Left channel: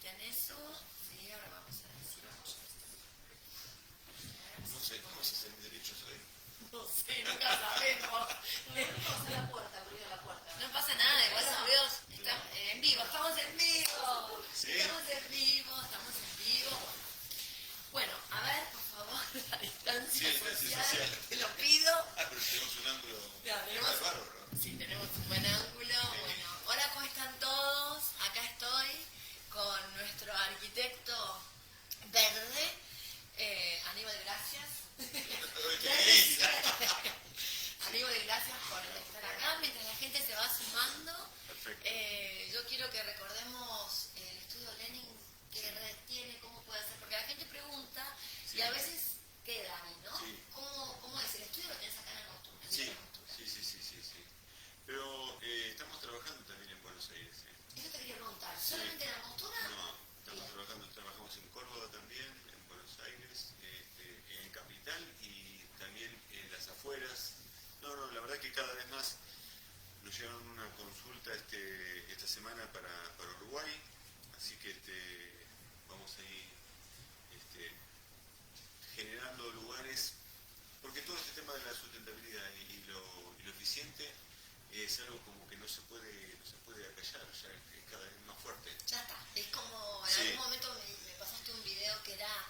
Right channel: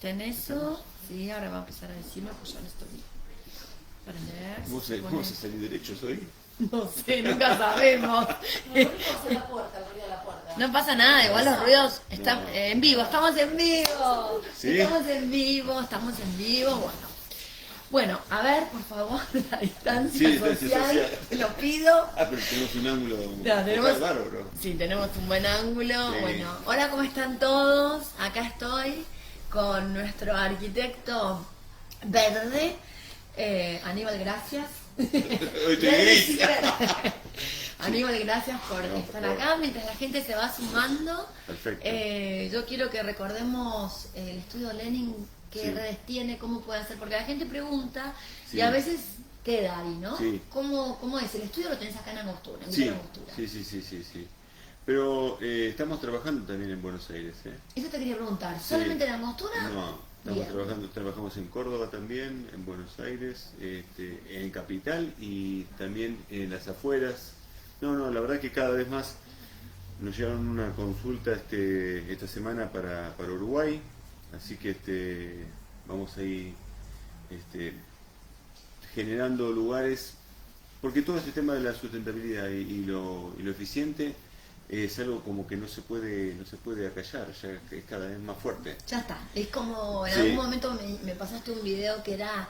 está en eso. Sí, ahora va a empezar a decirlo, pues ya lo estoy para leer. ¿Cómo se salir derechos hoy? No sé, nunca sabemos. la puerta. No pasa nada, igual los ruidos están en vivo, estamos en vivo. ¿Sí? Estamos en vivo, bueno, a ver, por favor, la distancia social, te lo pido. Pero tenemos un ángulo bárbaro. Sí, tenemos un buen ángulo. Sí. Bueno, hola, ¿cómo están todos? Acá estoy con nuestro arquitecto verde, Aníbal, gracias. Hoy estoy gris. Aníbal, gracias por estar acá. Mientras la gente se va sumando, Perfecto. yo quiero que recordemos el estudio Lenin, qué redes tiene, cómo puede hacer, porque la gente pregunta y a veces queda ahí, ¿no? Sí. ¿Cómo es? El estudio lo tenés acá en Angostura, en Sí. Villa Angostura. Sí. Pero estamos trabajando también en Buenos Aires. Eso te quería preguntar, ¿solamente en Angostura? No, trabajamos en Córdoba también, en Buenos Aires, en Capital y también en las afueras. No, la verdad que cada vez más nos llegaron una consulta esta semana para Uruguay, así que vamos a ir generando lugares, porque todo este tema de la sustentabilidad y lo eficiente es algo como que no se puede acallar, ya es cada vez más fuerte. Ya está, es como en Sí. algún momento me pasaste un video que era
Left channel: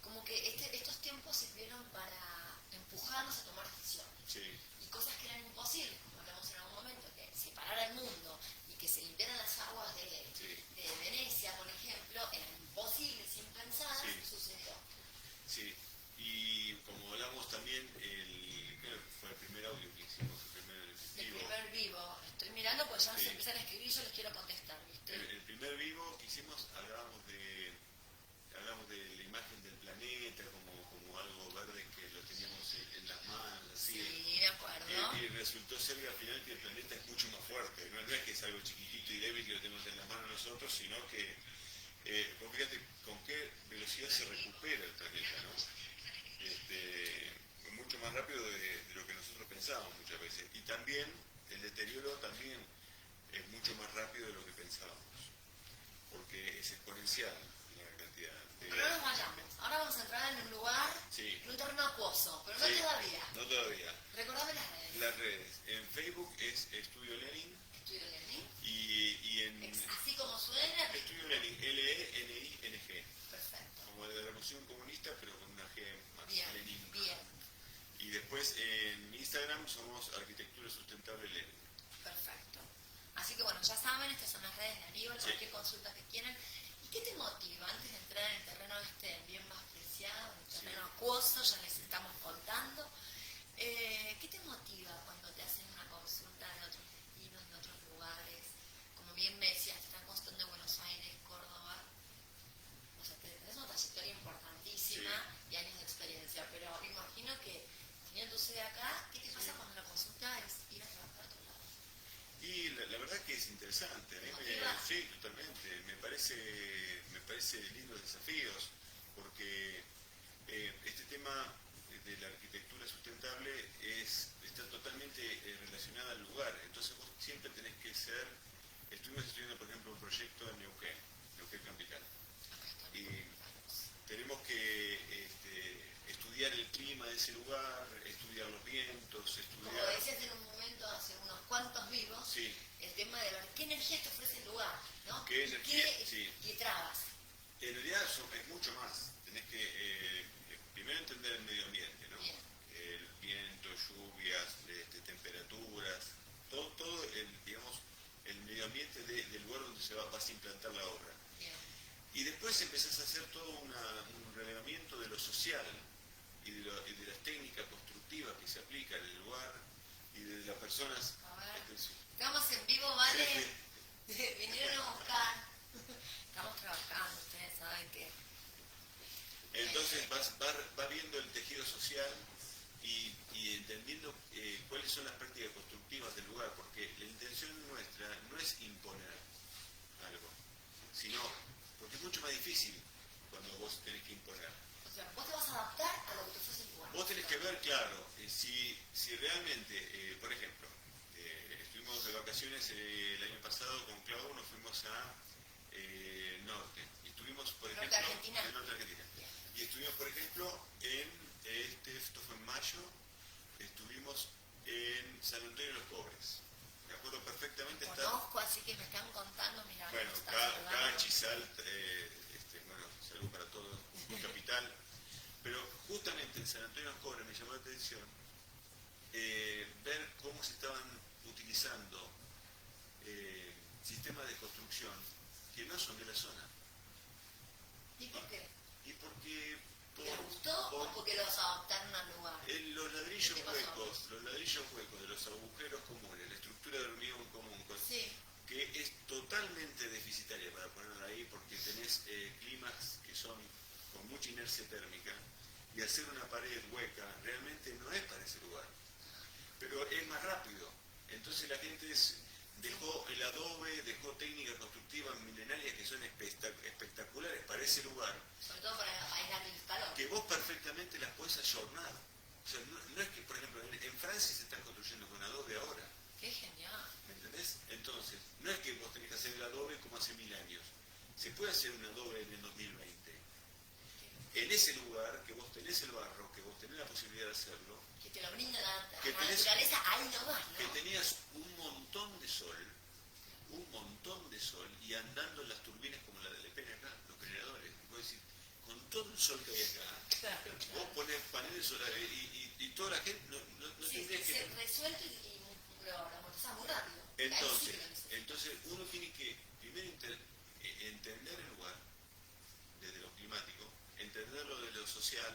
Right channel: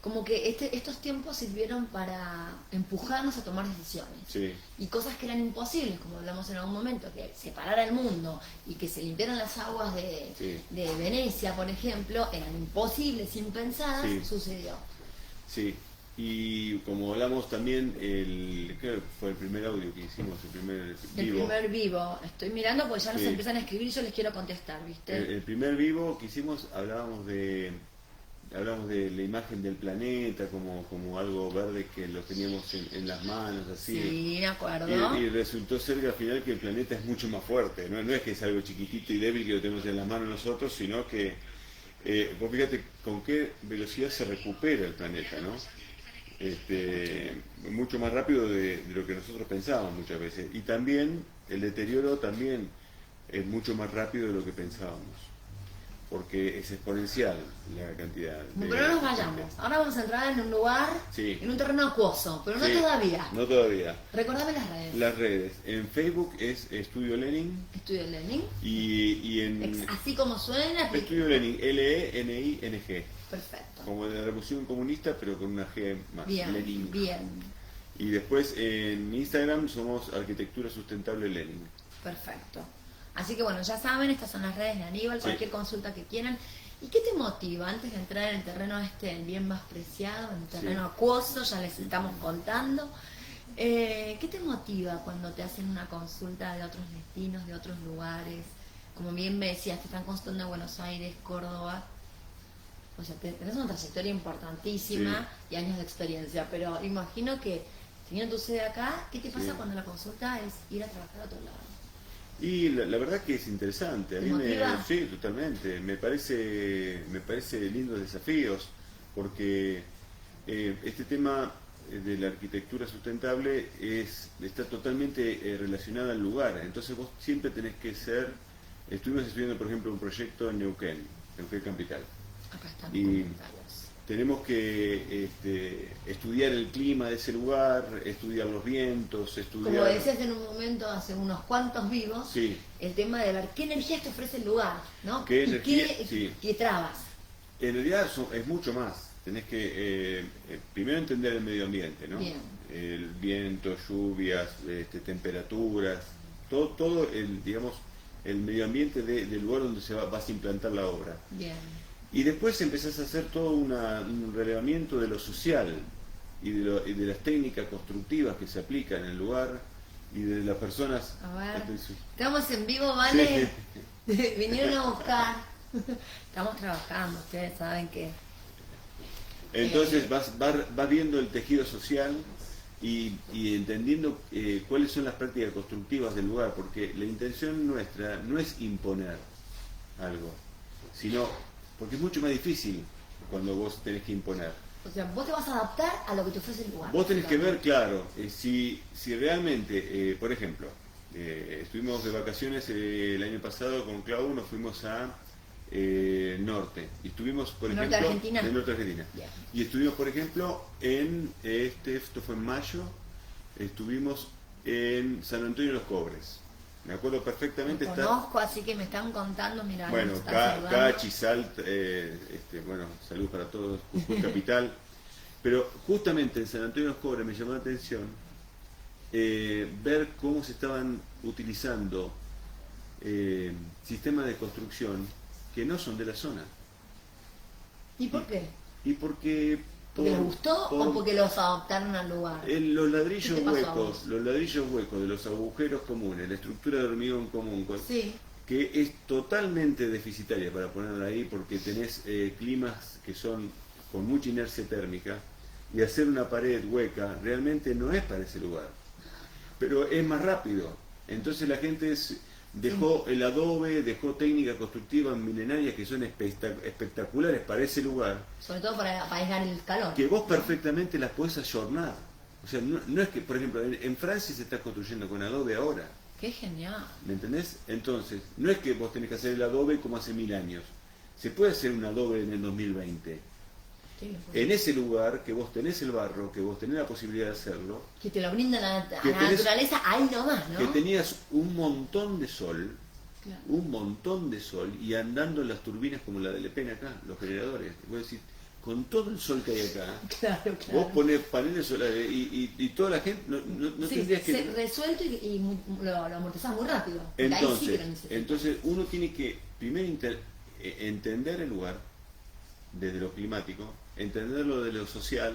como que estos tiempos sirvieron para empujarnos a tomar decisiones. Sí. Y cosas que eran imposibles, como hablamos en algún momento, que separara el mundo y que se limpiaran las aguas de Venecia, por ejemplo, eran imposibles, impensadas, Sí. sucedió. Sí, y como hablamos también, creo que fue el primer audio que hicimos, el primer vivo. El primer vivo, estoy mirando porque ya nos Sí. empiezan a escribir y yo les quiero contestar, ¿viste? El primer vivo que hicimos hablamos de la imagen del planeta como algo verde que lo teníamos en las manos, así. Sí, me acuerdo. Y resultó ser que al final que el planeta es mucho más fuerte, no es que es algo chiquitito y débil que lo tenemos en las manos nosotros, sino que vos fíjate con qué velocidad se recupera el planeta, ¿no? Mucho más rápido de lo que nosotros pensábamos muchas veces. Y también el deterioro también es mucho más rápido de lo que pensábamos, porque es exponencial la cantidad. Pero no nos vayamos. Ahora vamos a entrar en un lugar, Sí. en un terreno acuoso, pero no Sí. todavía. No todavía. Recordame las redes. Las redes. En Facebook es Estudio Lenin Estudio Lenin. y en Así como suena. Estudio Lenin, Lening. Perfecto. Como de la Revolución Comunista, pero con una G más. Bien, Lenin. bien. Y después en Instagram somos Arquitectura Sustentable Lenin. Perfecto. Así que bueno, ya saben, estas son las redes de Aníbal, Sí. cualquier consulta que quieran. ¿Y qué te motiva antes de entrar en el terreno el bien más preciado, en el terreno acuoso, ya les estamos contando? ¿Qué te motiva cuando te hacen una consulta de otros destinos, de otros lugares? Como bien me decías, te están consultando en Buenos Aires, Córdoba. O sea, tenés una trayectoria importantísima y años de experiencia, pero imagino que teniendo tu sede acá, ¿qué te pasa cuando la consulta es ir a trabajar a otro lado? Y la verdad que es interesante, a ¿Te mí motiva? sí, totalmente, me parece lindos desafíos, porque este tema de la arquitectura sustentable está totalmente relacionada al lugar, entonces vos siempre tenés que estuvimos estudiando por ejemplo un proyecto en Neuquén Capital, Acá están y los comentarios. tenemos que estudiar el clima de ese lugar, estudiar los vientos, Como estudiar... decías en un momento, hace unos cuantos vivos, Sí. el tema de ver qué energía te ofrece el lugar, ¿no? ¿Qué Y energía? qué, Sí. qué trabas. En realidad es mucho más. Tenés que primero entender el medio ambiente, ¿no? Bien. El viento, lluvias, temperaturas, todo el medio ambiente del lugar donde vas a implantar la obra. Bien. Y después empezás a hacer todo un relevamiento de lo social y de las técnicas constructivas que se aplican en el lugar y de las personas. A ver, estamos en vivo, ¿vale? Vinieron a buscar. Estamos trabajando, ustedes saben que... Entonces vas viendo el tejido social y entendiendo cuáles son las prácticas constructivas del lugar, porque la intención nuestra no es imponer algo, sino porque es mucho más difícil cuando vos tenés que imponer. O sea, vos te vas a adaptar a lo que te ofrece el lugar. Vos tenés que ver, claro, si realmente, por ejemplo, estuvimos de vacaciones el año pasado con Clau, nos fuimos a norte. Y estuvimos, por ¿Norte ejemplo, Argentina? en Norte Argentina. Bien. Y estuvimos, por ejemplo, esto fue en mayo, estuvimos en San Antonio de los Cobres. Me acuerdo perfectamente Lo estar. conozco, así que me están contando, mira, Bueno, nos están saludando. Cachi, Salt, bueno, salud para todos, Jujuy Capital. Pero justamente en San Antonio de los Cobres me llamó la atención ver cómo se estaban utilizando sistemas de construcción que no son de la zona. ¿Y por qué? Y porque... ¿Porque les gustó o porque los adoptaron al lugar? Los ladrillos ¿Qué te pasó a huecos, vos? los ladrillos huecos de los agujeros comunes, la estructura de hormigón común, Sí, que es totalmente deficitaria para ponerla ahí porque tenés climas que son con mucha inercia térmica y hacer una pared hueca realmente no es para ese lugar, pero es más rápido. Entonces la gente dejó el adobe, dejó técnicas constructivas milenarias que son espectaculares para ese lugar, sobre todo para aislar el calor. que vos perfectamente las podés ayornar. O sea, no es que, por ejemplo, en Francia se está construyendo con adobe ahora. Qué genial. ¿Me entendés? Entonces, no es que vos tenés que hacer el adobe como hace 1000 años. Se puede hacer un adobe en el 2020. Sí, En ese lugar que vos tenés el barro, que vos tenés la posibilidad de hacerlo, que te lo brinda Que la tenés- naturaleza ahí nomás, ¿no? que tenías un montón de sol, Claro. un montón de sol, y andando en las turbinas como la de Le Pen acá, los generadores. Vos decís, con todo el sol que hay acá, Claro, vos ponés paneles solares y toda la gente, no sí, tendrías que... resuelto y lo amortizás muy rápido. Porque ahí sí que lo necesitas. Entonces uno tiene que primero entender el lugar desde lo climático, entenderlo de lo social,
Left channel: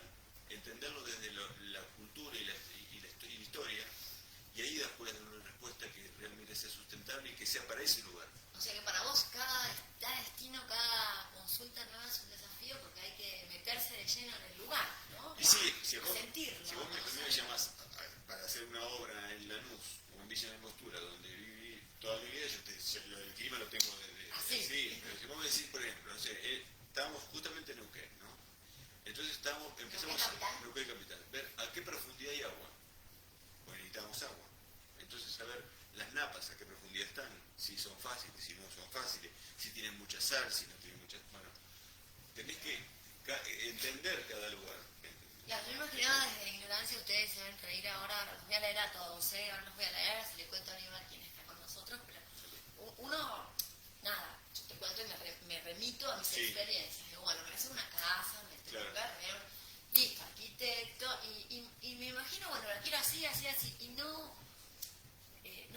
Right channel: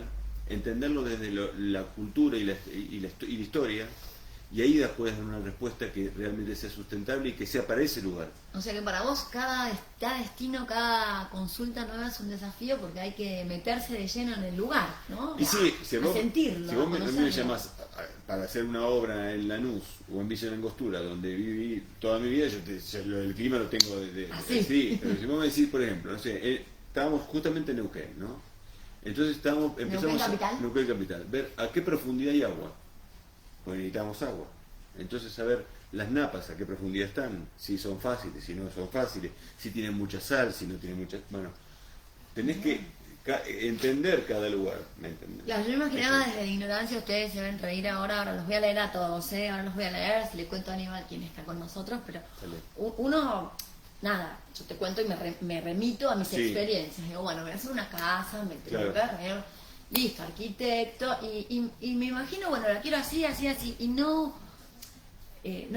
entenderlo desde la cultura y la historia, y ahí puedes dar una respuesta que realmente sea sustentable y que sea para ese lugar. O sea que para vos cada destino, cada consulta nueva es un desafío porque hay que meterse de lleno en el lugar, ¿no? Y sí, si a vos, sentirlo, si vos a me conocerlo. llamás para hacer una obra en Lanús o en Villa Langostura, donde viví toda mi vida, el clima lo tengo desde... ¿Ah, sí? Sí, pero si vos me decís, por ejemplo, no sé, estábamos justamente en Neuquén, ¿no? Entonces empezamos ¿Capital? Neuquén Capital, ver a qué profundidad hay agua, porque necesitamos agua. Entonces saber las napas a qué profundidad están, si son fáciles, si no son fáciles, si tienen mucha sal, si no tienen mucha... Bueno, tenés que entender cada lugar, ¿me entendés? Claro, yo me imaginaba desde la ignorancia, ustedes se ven reír ahora los voy a leer a todos, ahora los voy a leer, si le cuento a Aníbal quién está con nosotros, pero Dale. uno, nada, yo te cuento y me remito a mis Sí. experiencias, digo, bueno, voy a hacer una casa, me tengo Claro. que ver, listo, arquitecto, y me imagino, bueno, la quiero así, así, así, y no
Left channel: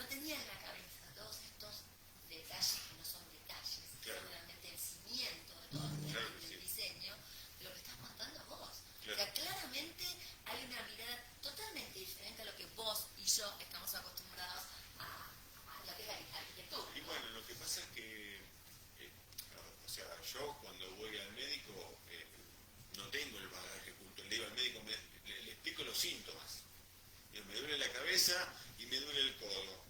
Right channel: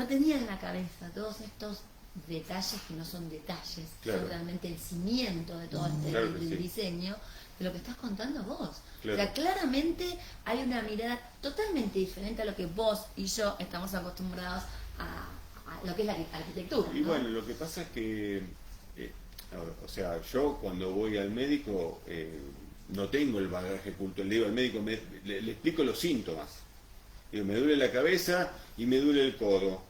tenía en la cabeza todos estos detalles que no son detalles, Claro. son realmente el cimiento de todo este Claro que sí. diseño de lo que estás contando vos. Claro. O sea, claramente hay una mirada totalmente diferente a lo que vos y yo estamos acostumbrados a lo que es la arquitectura. Y ¿no? bueno, lo que pasa es que, o sea, yo cuando voy al médico no tengo el bagaje cultural. Le digo al médico, le explico los síntomas. Digo, me duele la cabeza y me duele el codo.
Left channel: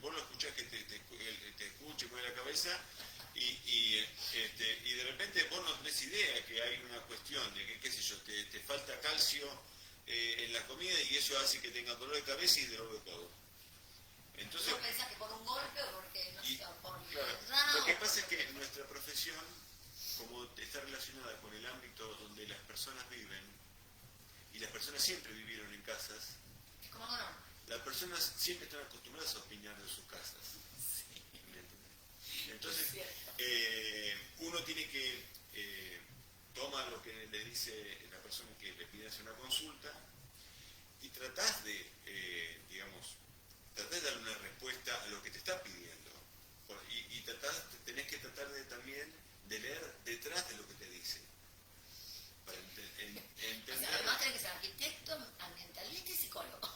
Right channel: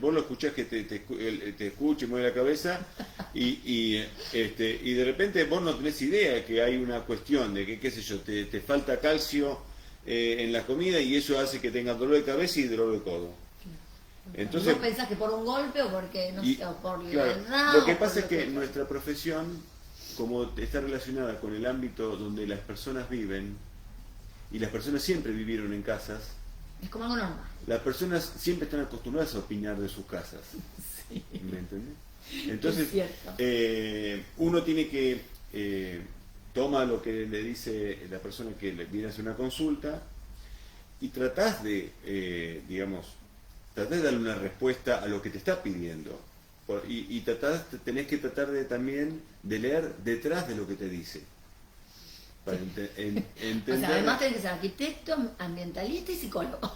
Vos lo escuchás que te escucha y mueve la cabeza y de repente vos no tenés idea que hay una cuestión de que, qué sé yo, te falta calcio en la comida y eso hace que tengas dolor de cabeza y dolor de codo. Entonces, ¿Vos pensás que por un golpe o porque no sé, o por claro, edad? lo que o por pasa es que fuera? nuestra profesión, como está relacionada con el ámbito donde las personas viven, y las personas siempre vivieron en casas, Es como algo normal. las personas siempre están acostumbradas a opinar de sus casas. Sí. ¿Me entendés? Entonces, Es cierto. uno tiene que toma lo que le dice la persona que le viene a hacer una consulta y tratás de, tratás de darle una respuesta a lo que te está pidiendo. Y tenés que tratar de también de leer detrás de lo que te dice. Para O entender. sea, además tenés que ser arquitecto, ambientalista y psicólogo.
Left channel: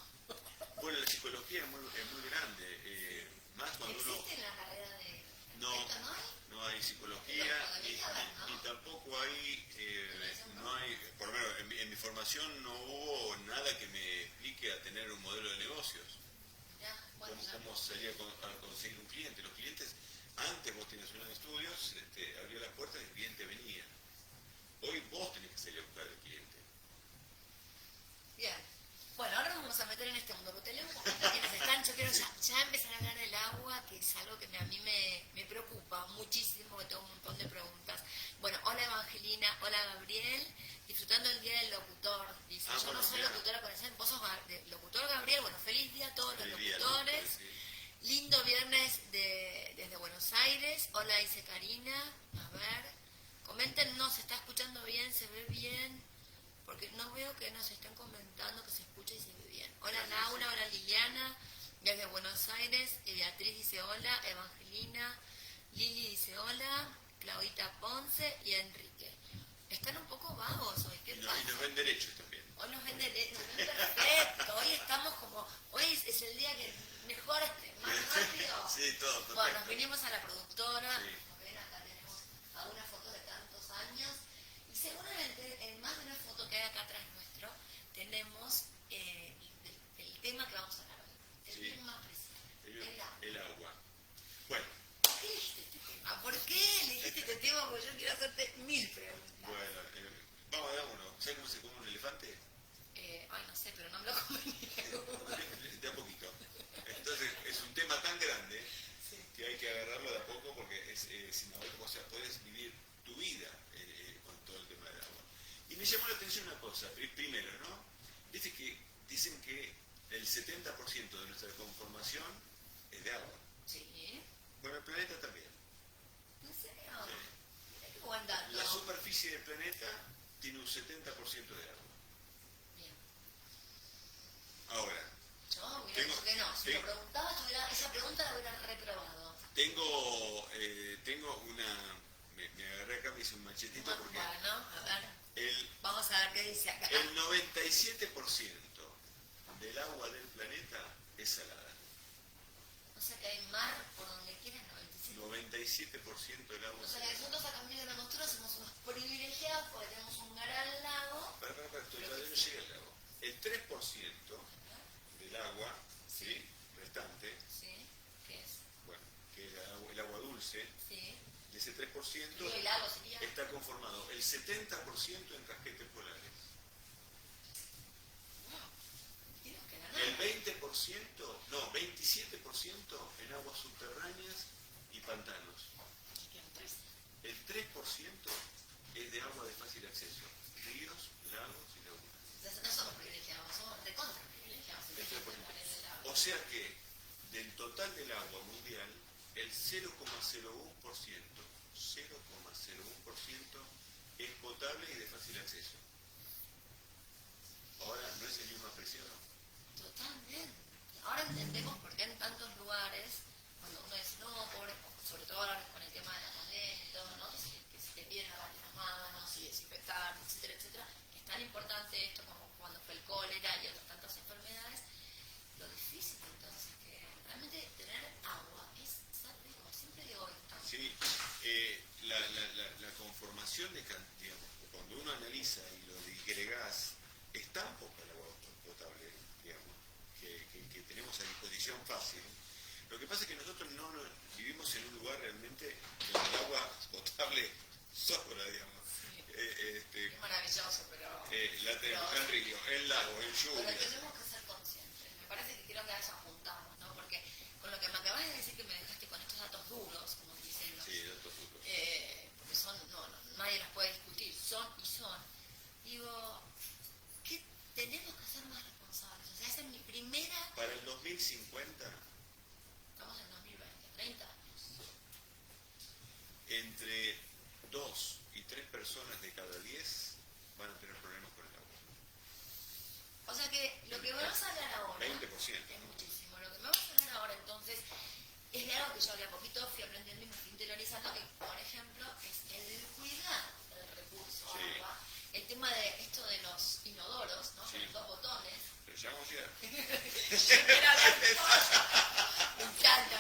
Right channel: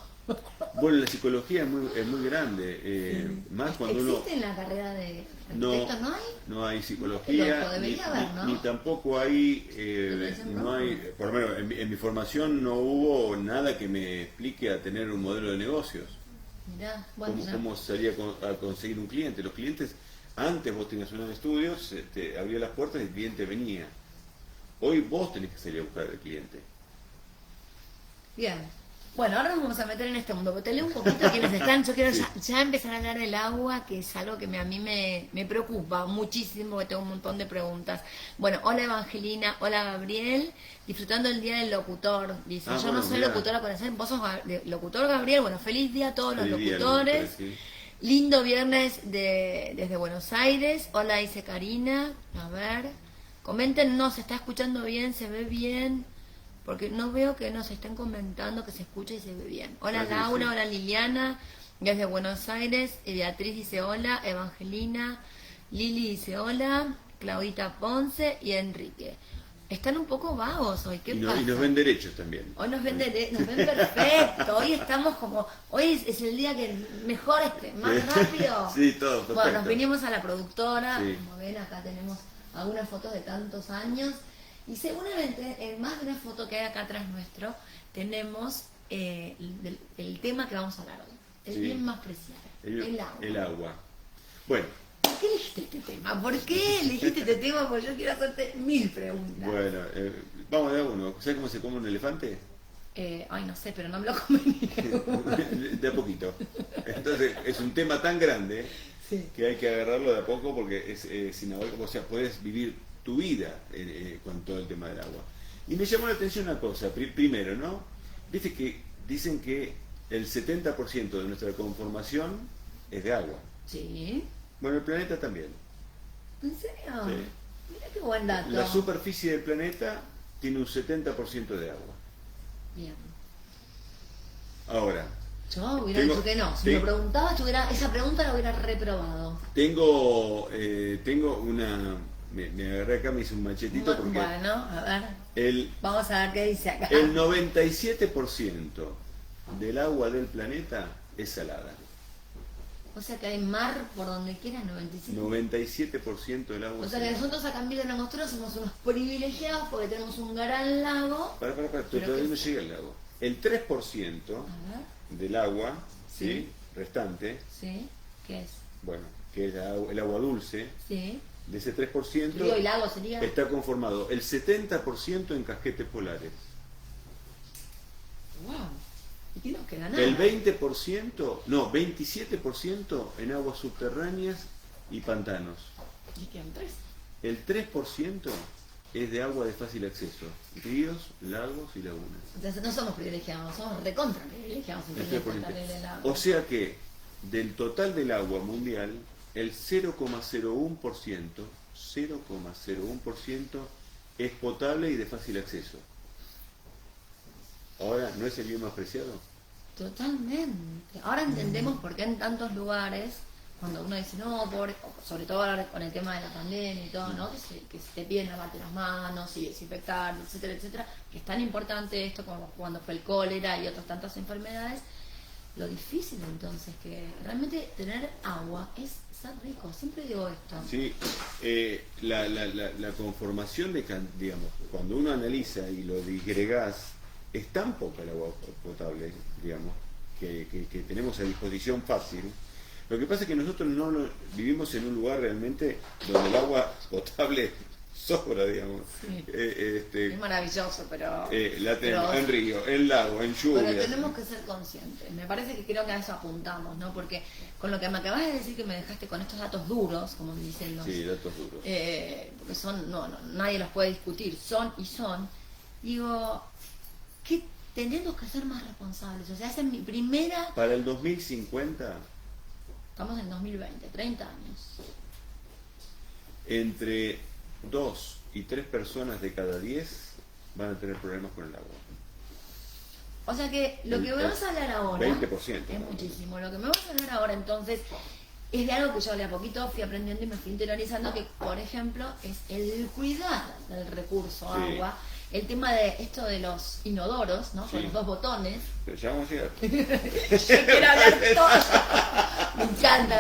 Bueno, la psicología es muy grande, más cuando uno... ¿Existe en la carrera de No, arquitecto? ¿No hay? no hay psicología, Loco, debería haber, ¿no? ni tampoco hay, Dicen, no ¿no? hay, por lo menos en mi formación no hubo nada que me explique a tener un modelo de negocios. Mirá, bueno, ya. ¿Cómo salía a conseguir un cliente? Los clientes, antes vos tenías unos estudios, te abría las puertas y el cliente venía. Hoy vos tenés que salir a buscar al cliente. Bien. Bueno, ahora nos vamos a meter en este mundo, pero te leo un poquito quienes están. Yo quiero ya empezar a hablar del agua, que es algo que a mí me preocupa muchísimo, porque tengo un montón de preguntas. Bueno, hola Evangelina, hola Gabriel, disfrutando el día del locutor. Dice, yo bueno, no soy mirá. locutora con ese, vos sos locutor Gabriel. Bueno, feliz día a todos los Feliz día, locutores. locutora, sí. Lindo viernes desde Buenos Aires. Hola, dice Karina. A ver, comenten, no, se está escuchando bien, se ve bien. Porque no veo que nos estén comentando que se escucha y se ve bien. Hola Ah, sí, Laura, sí. hola Liliana, desde Buenos Aires. Beatriz dice hola, Evangelina, Lili dice hola, Claudita Ponce y Enrique. Están un poco vagos hoy, ¿qué Y pasa? nos ven derechos también. Hoy nos ven perfecto, hoy estamos como, hoy es el día que mejor, más rápido. Sí, todo perfecto. Bueno, nos vinimos a la productora, Sí. como ven acá tenemos algunas fotos de tantos años y seguramente en más de una foto que hay acá atrás nuestro tenemos el tema que vamos a hablar hoy, el Sí. bien más preciado, el agua. El agua. Bueno, ¿Por qué elegiste este tema? ¿Por qué elegiste este tema? Porque yo quiero hacerte 1000 preguntas. bueno, vamos a dar uno. ¿Sabes cómo se come un elefante? Ay, no sé, pero no me lo comería. De a poquito. Entonces, es un tema tan grande Sí. que hay que agarrarlo de a poco porque es sin agua, o sea, puedes vivir tu vida con todo el tema del agua. Y me llamó la atención una cosa, primero, ¿no? Viste que dicen que el 70% de nuestra conformación es de agua. Sí. Bueno, el planeta también. ¿En serio? Sí. Mira qué buen dato. La superficie del planeta tiene un 70% de agua. Bien. Ahora, Yo hubiera Tengo- dicho que no. Si sí. me preguntabas, esa pregunta la hubiera reprobado. tengo una... Me agarré acá, me hice un machetito porque Bueno, a ver. el, Vamos a ver qué dice acá. el 97% del agua del planeta es salada. O sea que hay mar por donde quiera, 95. 97% del agua O es sea que salada. nosotros acá en Villa Langostera somos unos privilegiados porque tenemos un gran lago. Para, Pero todavía que- no llega el lago. El 3% A ver, del agua, Sí. ¿sí? Restante, sí. ¿Qué es? bueno, que es el agua dulce, Sí. de ese 3% Río y lago sería. está conformado el 70% en casquetes polares. Wow. ¿Y tenemos que ganar? El 20%, no, 27% en aguas subterráneas y pantanos. Y quedan 3. El 3% es de agua de fácil acceso, ríos, lagos y lagunas. O sea, no somos privilegiados, somos recontra privilegiados. en El tener 3%. potable el agua. O sea que del total del agua mundial, el 0,01%, 0,01% es potable y de fácil acceso. Ahora, ¿no es el bien más preciado? Totalmente. Ahora entendemos por qué en tantos lugares, cuando uno dice, no, pobre, sobre todo ahora con el tema de la pandemia y todo, ¿no? Que se te piden lavarte las manos y desinfectar, etcétera, etcétera, que es tan importante esto como cuando fue el cólera y otras tantas enfermedades. Lo difícil entonces que realmente tener agua es ser rico. Siempre digo esto. Sí, la conformación digamos, cuando uno analiza y lo disgregás, es tan poca el agua potable, digamos, que tenemos a disposición fácil. Lo que pasa es que nosotros vivimos en un lugar realmente donde el agua potable sobra, digamos. Sí. Es Es maravilloso, pero... la tenemos pero- en río, en lago, en lluvia. Pero tenemos que ser conscientes. Me parece que creo que a eso apuntamos, ¿no? Porque con lo que me acabas de decir que me dejaste con estos datos duros, como dicen los... Sí, datos duros. porque son, no, nadie los puede discutir, son y son. Digo, que tenemos que ser más responsables. O sea, esa es mi primera... Para el 2050, Estamos en 2020, 30 años. entre 2 y 3 personas de cada 10 van a tener problemas con el agua. O sea que lo que vamos a hablar ahora 20%. es muchísimo. Lo que me vamos a hablar ahora entonces es de algo que yo de a poquito fui aprendiendo y me fui interiorizando, que por ejemplo es el cuidar del recurso Sí. agua, el tema de esto de los inodoros, ¿no? Sí. Con los 2 botones. Pero ya vamos a llegar. Yo quiero hablar todo.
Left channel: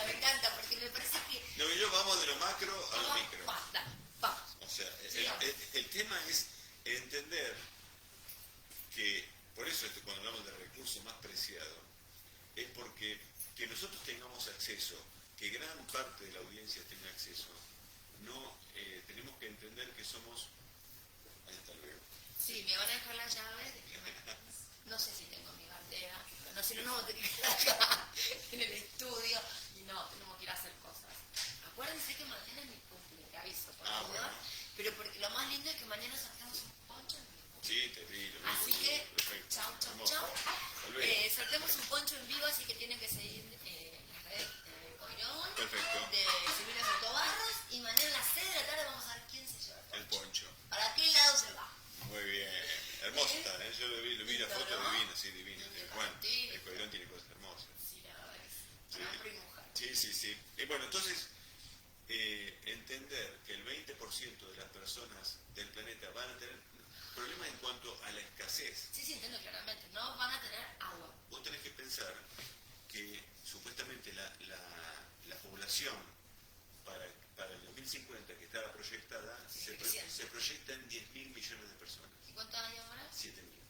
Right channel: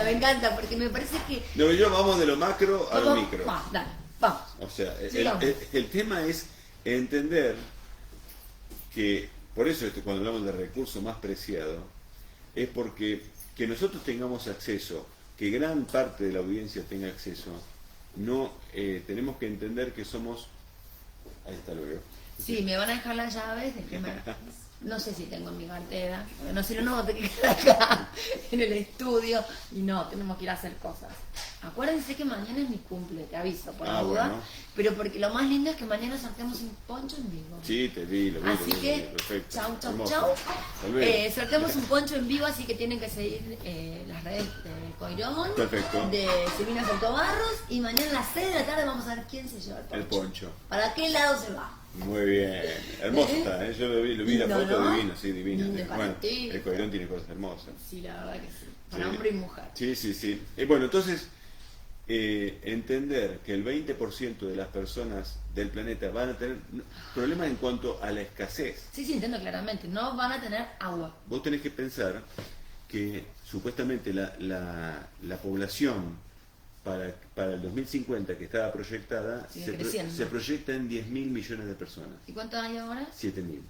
Me encanta, porque me parece que... No, yo vamos de lo macro a lo Vamos- micro. Va, dale, vamos. O sea, Sigamos. el tema es entender que, por eso cuando hablamos de recurso más preciado, es porque que nosotros tengamos acceso, que gran parte de la audiencia tenga acceso, no tenemos que entender que somos... Ahí está, lo veo. Sí, me van a dejar las llaves de que me... no sé si tengo en mi cartera, no, si no, te quedas acá en el estudio y no, tenemos que ir a hacer cosas. Acuérdense que mañana es mi cumple, te aviso, por la duda, bueno. pero porque lo más lindo es que mañana sorteamos un poncho en vivo. Sí, te vi, lo vi. Así lo vi, que, perfecto. chau, chau, Hermoso. chau. Hasta luego. Sorteamos un poncho en vivo, así que tienen que seguir las redes de Coirón, Perfecto. de Silvina Saltobarros, y mañana a las 6 de la tarde vamos a ver quién se lleva el El poncho. poncho. ¿Para qué lado se va? Muy bien. Hermoso está, ¿eh? Yo lo vi la Lindo, foto, ¿no? divino, sí, divino. Lindo para Bueno, ti. el Coirón tiene cosas hermosas. Sí, la verdad que sí. Para Sí. hombre y mujer. Sí, sí, sí. Bueno, entonces, entender que el 20% de las personas del planeta van a tener problemas en cuanto a la escasez. Sí, entiendo claramente. No van a tener agua. Vos tenés que pensar que supuestamente la población para el 2050 que estaba proyectada Sigue creciendo. se proyecta en 10.000 millones de personas. ¿Y cuánto hay ahora? 7.000.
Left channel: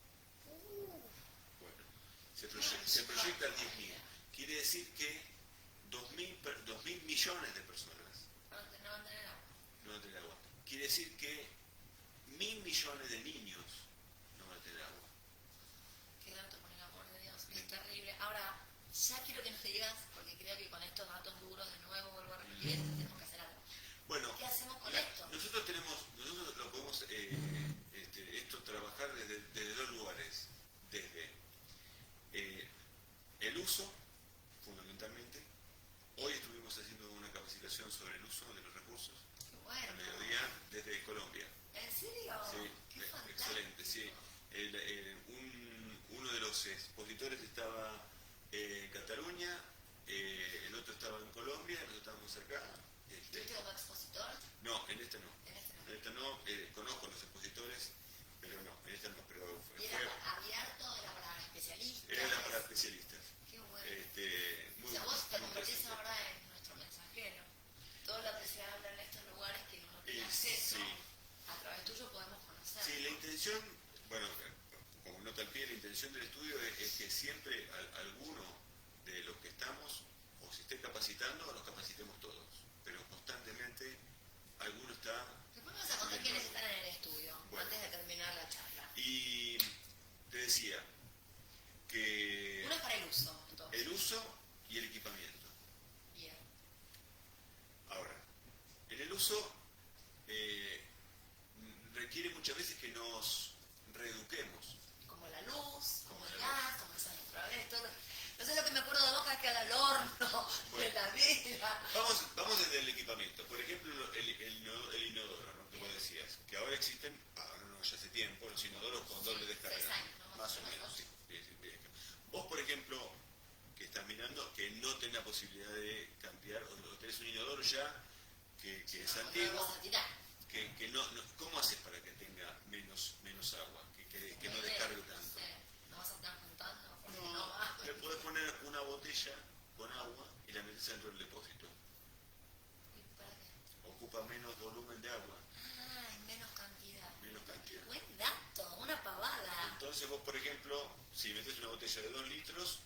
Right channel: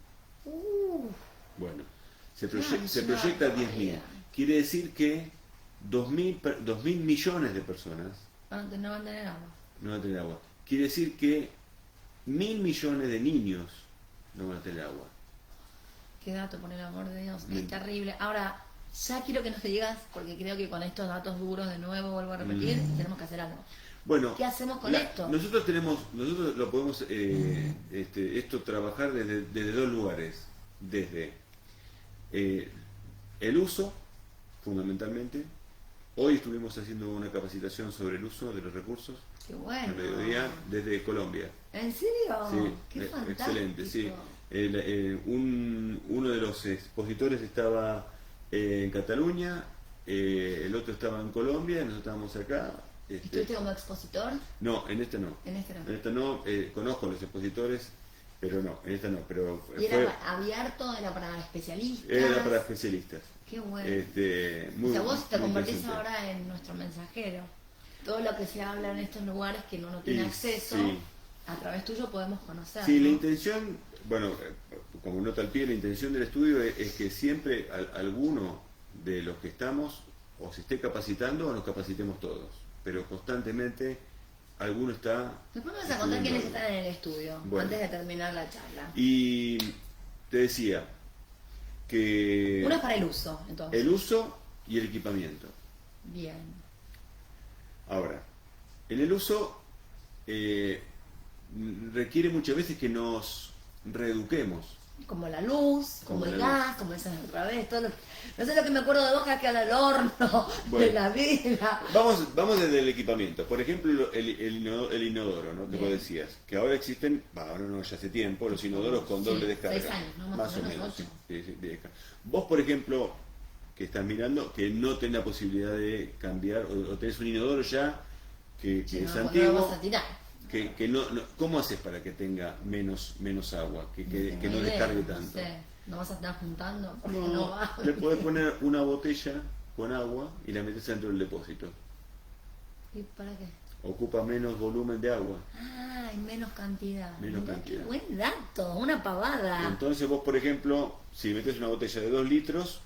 Bueno, se Claro, es una proyecta 10.000. barbaridad. Quiere decir que 2.000 millones de personas No van a tener agua. no van a tener agua. Quiere decir que 1.000 millones de niños no van a tener agua. Qué dato, por el amor de Dios. Bien. Es terrible. Ahora, ya quiero que nos digas, porque creo que con estos datos duros de nuevo, vuelvo a repetir, tenemos que hacer algo. Bueno, ¿Qué hacemos con esto? Nosotros lo podemos esto trabajar desde dos lugares. Desde el uso, fundamentalmente. Hoy estuvimos haciendo una capacitación sobre el uso de los recursos Qué bueno. al mediodía desde Colombia. ¿En serio? Sí, Qué fantástico. excelente, sí. Uno de los expositores estaba en Cataluña, el otro estaba en Colombia, nosotros estábamos acá. ¿Estuviste como expositor? No, en este no. En este no. En esta no, conozco a los expositores, pero no, en esta no. Pero ¿Y era abierto? ¿Era para especialistas? era para especialistas. Qué bueno. Muy, O sea, vos te muy convertís interesante. ahora en nuestro mensajero. Todo lo que se habla en estos lugares que uno no tiene Y acceso, sí. a través tuyo podemos conocer. Sí, ¿no? la intención, bueno, como nota al pie, la intención del estudio es que siempre alguno de los que estamos o se esté capacitando o nos capacitemos todos, pero constantemente alguno está... Después me vas a contar estudiando quiénes algo. están en el estudio, Bueno. antes de terminar la charla. Y te decía que Uno es para el uso, entonces. el uso y el equipamiento. Bien. Ahora, en el uso requiere muchas veces que nos reeduquemos. Como la luz, como Como el la gas, como decías otra vez, todo no sé lo que me acuerdo de vos, que al horno, Bueno. de la vela. Vamos desde el equipamiento. Por ejemplo, el inodoro, ¿no? Que vos Bien. decías. Que ahora existen, ahora no es hace tiempo, los inodoros con Sí, doble descarga. 6 años, ¿no? Más o menos, menos. 8. Sí, vos, por ejemplo, que estás mirando, que no tenés la posibilidad de cambiar, o tenés un inodoro ya que Sí, es no, antiguo. lo vas a tirar. Que no, ¿cómo haces para que tenga menos agua? Que tengo no idea, descargue no tanto. sé. No vas a estar juntando porque No, no va. le podés poner una botella con agua y la metes dentro del depósito. ¿Y para qué? Ocupa menos volumen de agua. Ah, en menos cantidad. Menos Mirá cantidad. qué buen dato, una pavada. Entonces vos, por ejemplo, si metes una botella de 2 litros,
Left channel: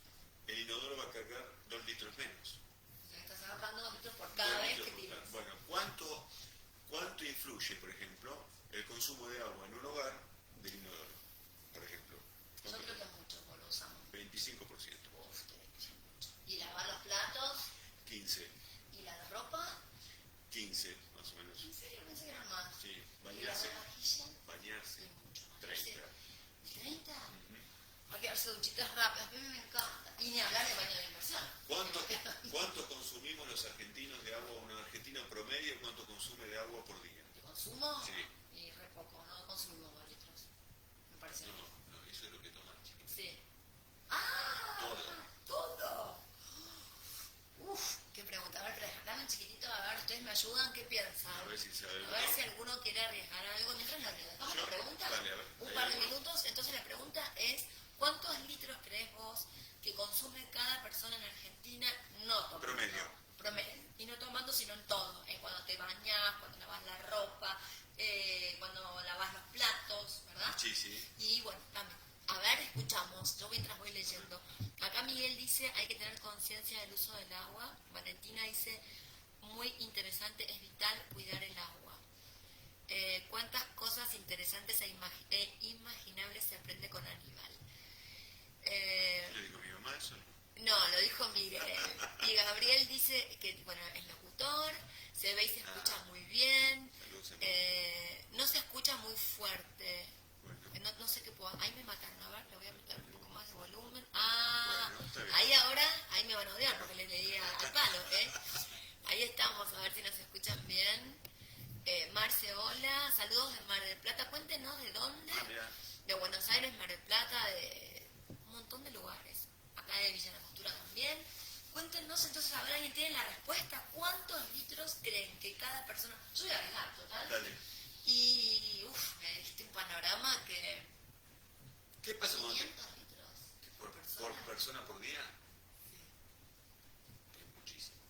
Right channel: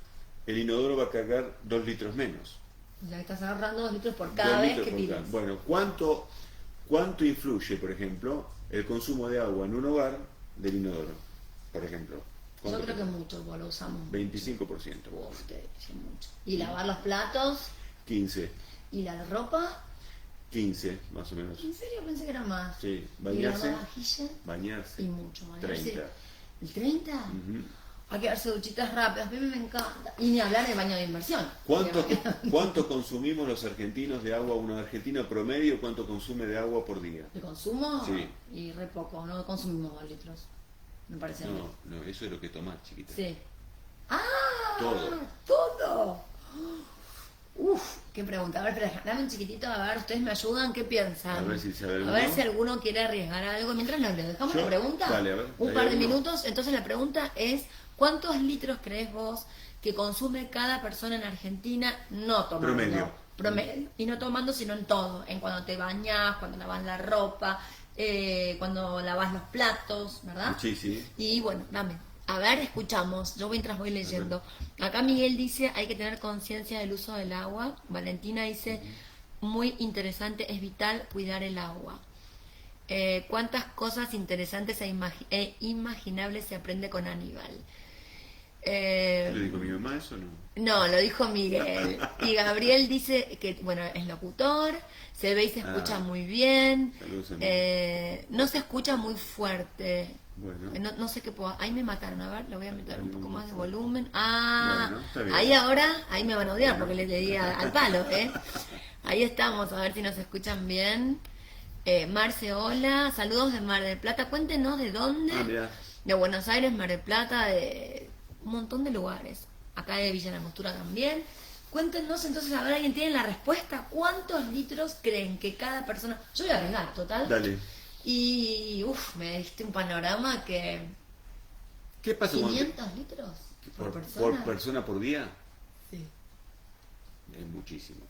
el inodoro va a cargar 2 litros menos. O sea, estás ahorrando 2 litros por cada 2 vez litros que por tiras. cada. Bueno, ¿cuánto influye, por ejemplo, el consumo de agua en un hogar del inodoro? Por ejemplo. Yo ¿Cuánto creo que tenemos? mucho, porque lo usamos. 25%. Uf, te dice mucho. Y lavar los platos 15. y la ropa. 15, más o menos. En serio pensé que era más. Sí, Y bañarse. lavar vajilla Bañarse. y mucho. Bañarse. 30. ¿El 30? Ujú. Hay que darse duchitas rápidas, a mí me encanta. Y ni hablar de baño de inversión. ¿Cuánto consumimos los argentinos de agua? Un argentino promedio, ¿cuánto consume de agua por día? ¿De consumo? Sí. Y re poco, no consumimos 2 litros. Me parece a mí. No, eso es lo que tomás, chiquita. Sí. ¡Ah! Todo. ¡Todo! Uf, qué pregunta. A ver, espera, dame un chiquitito, a ver, ustedes me ayudan, ¿qué piensan? A ver si sabe A alguno. ver si alguno quiere arriesgar algo. Mientras nos dejamos Yo- la pregunta, dale, a ver, un ¿hay par de alguno? minutos. Entonces la pregunta es, ¿cuántos litros crees vos que consume cada persona en Argentina no tomando? Promedio. Y no tomando, sino en todo. En cuando te bañas, cuando lavas la ropa, cuando lavas los platos, ¿verdad? Sí, sí. Y bueno, dame. A ver, escuchamos. Yo mientras voy leyendo. Acá Miguel dice, hay que tener conciencia del uso del agua. Valentina dice, muy interesante, es vital cuidar el agua. Cuántas cosas interesantes e imaginables se aprende con Aníbal. ¿Lo dijo mi mamá eso o no? No, lo dijo Miguel. Y Gabriel dice que, bueno, es locutor, se ve y se escucha muy bien. Saludos a Miguel. No se escucha muy fuerte. Bueno. No sé qué puedo. Ahí me mataron, a ver, le voy a meter un poco más de volumen. Ah, Bueno, está bien. ahí ahora, ahí me van a odiar porque le di al palo, ¿eh? Ahí estamos, a ver si nos escuchan bien. Marce, hola, saludos de Mar del Plata. Cuéntenos de dónde. Mirá. De Buenos Aires, Mar del Plata, de un montón de lugares. Acá de Villa La Angostura también. Cuéntenos entonces, a ver, ¿alguien tiene la respuesta? ¿Cuántos litros creen que cada persona... Yo voy a arriesgar, total. Dale. Y, me diste un panorama que... ¿Qué pasa cuando te- ¿500 litros por por persona? persona por día? Sí, Es muchísimo.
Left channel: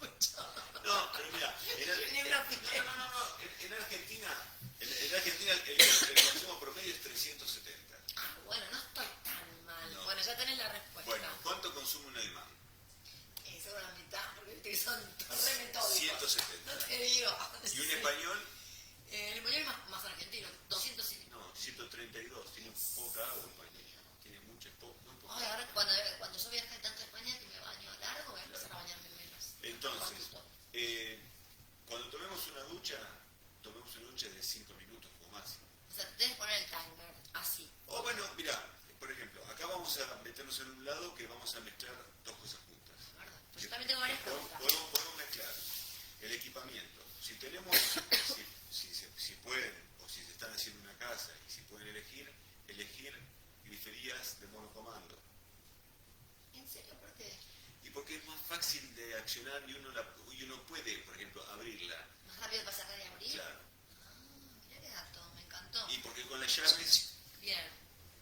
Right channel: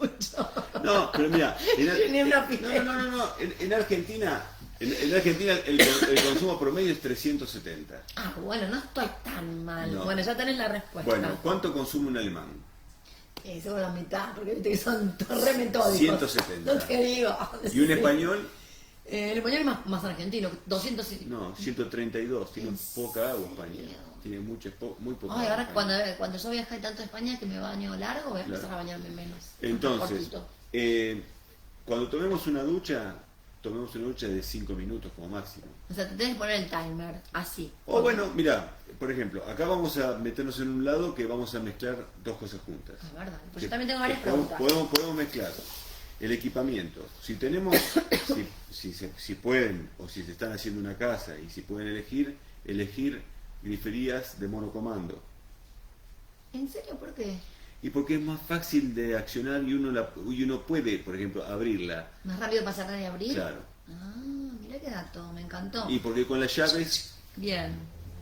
mucho. No, pero mira, Ni una pileta. no. En Argentina, en Argentina el consumo promedio es 370. Ah, bueno, no estoy tan mal. No. Bueno, ya tenés la respuesta. Bueno, ¿cuánto consume un alemán? Somos la mitad, porque viste que son re metódicos. 170. No te digo. ¿Y un español? El español es más argentino, 200. No, 132. Tiene poca agua España. Tiene muy poca Ay, agua. ahora cuando yo viajé tanto a España que me baño largo, voy a empezar Claro. a bañarme menos. Entonces, Cortito. cuando tomemos una ducha de 5 minutos como máximo. O sea, te tenés que poner el timer, así. O bueno, mira, por ejemplo, acá vamos a meternos en un lado que vamos a mezclar dos cosas juntas. Es verdad. Pues Que- yo también tengo varias que preguntas. podemos mezclar el equipamiento. Si tenemos, si pueden, o si se están haciendo una casa y si pueden elegir griferías de monocomando. ¿En serio? ¿Por qué? Y porque es más fácil de accionar y uno puede, por ejemplo, abrirla. ¿Más rápido para cerrar y abrir? Claro. Ah, mira qué dato, me encantó. Y porque con las llaves, Bien.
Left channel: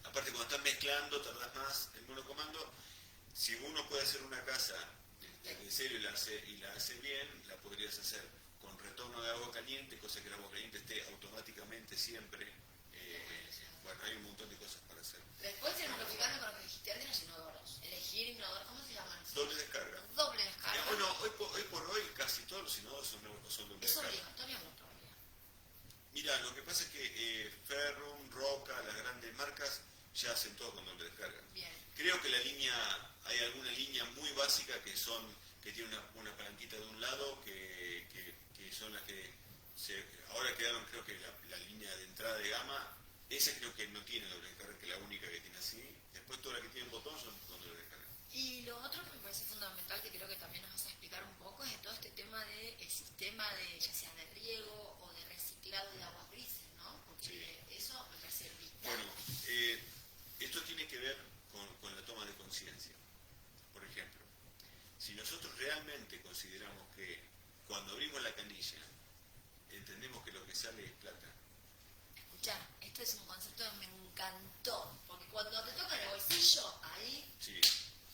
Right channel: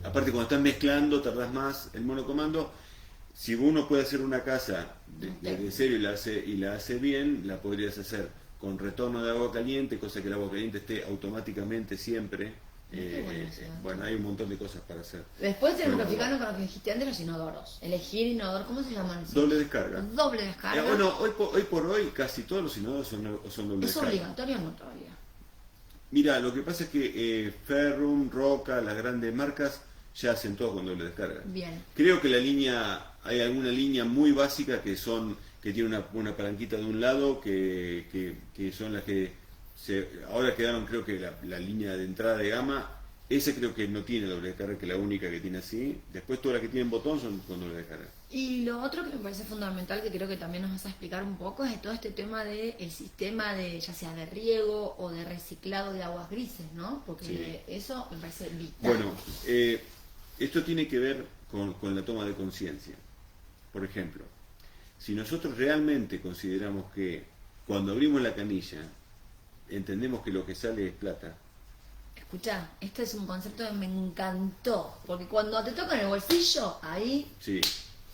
aparte cuando estás mezclando, tardás más el monocomando. Si uno puede hacer una casa de cero y la hace bien, la podrías hacer con retorno de agua caliente, cosa que el agua caliente esté automáticamente siempre. Qué bueno eso. Bueno, hay un montón de cosas para hacer. Después tenemos que Bueno, fijarnos con lo que dijiste antes, los inodoros. Elegir inodoro, ¿cómo se llaman? Doble descarga. Doble descarga. Bueno, hoy por hoy casi todos los inodoros son doble ¿Es descarga. obligatorio o no todavía? Mira, lo que pasa es que Ferrum, Roca, las grandes marcas ya hacen todo con doble descarga. Bien. Creo que hay alguna línea muy básica que tiene una palanquita de un lado que son las que ahora quedaron, creo que la línea de entrada de gama, esa creo que no tiene doble descarga, que es la única que tiene así. Después todas las que tienen botón son con doble descarga. Y lo otro que me parece fundamental, que creo que también nos vas a explicar un poco, es todo este tema del sistema de, ya sea de riego o de reciclado de aguas grises, ¿no? Porque Sí. eso me parece vital. Bueno, esto tiene que ver con la toma de conciencia. Por ejemplo, si nosotros realmente consideramos que cuando abrimos la canilla entendemos que lo que sale es plata, Escuchá, esto es un concepto que me encantó, porque cuando te toca en el bolsillo, ahí sí,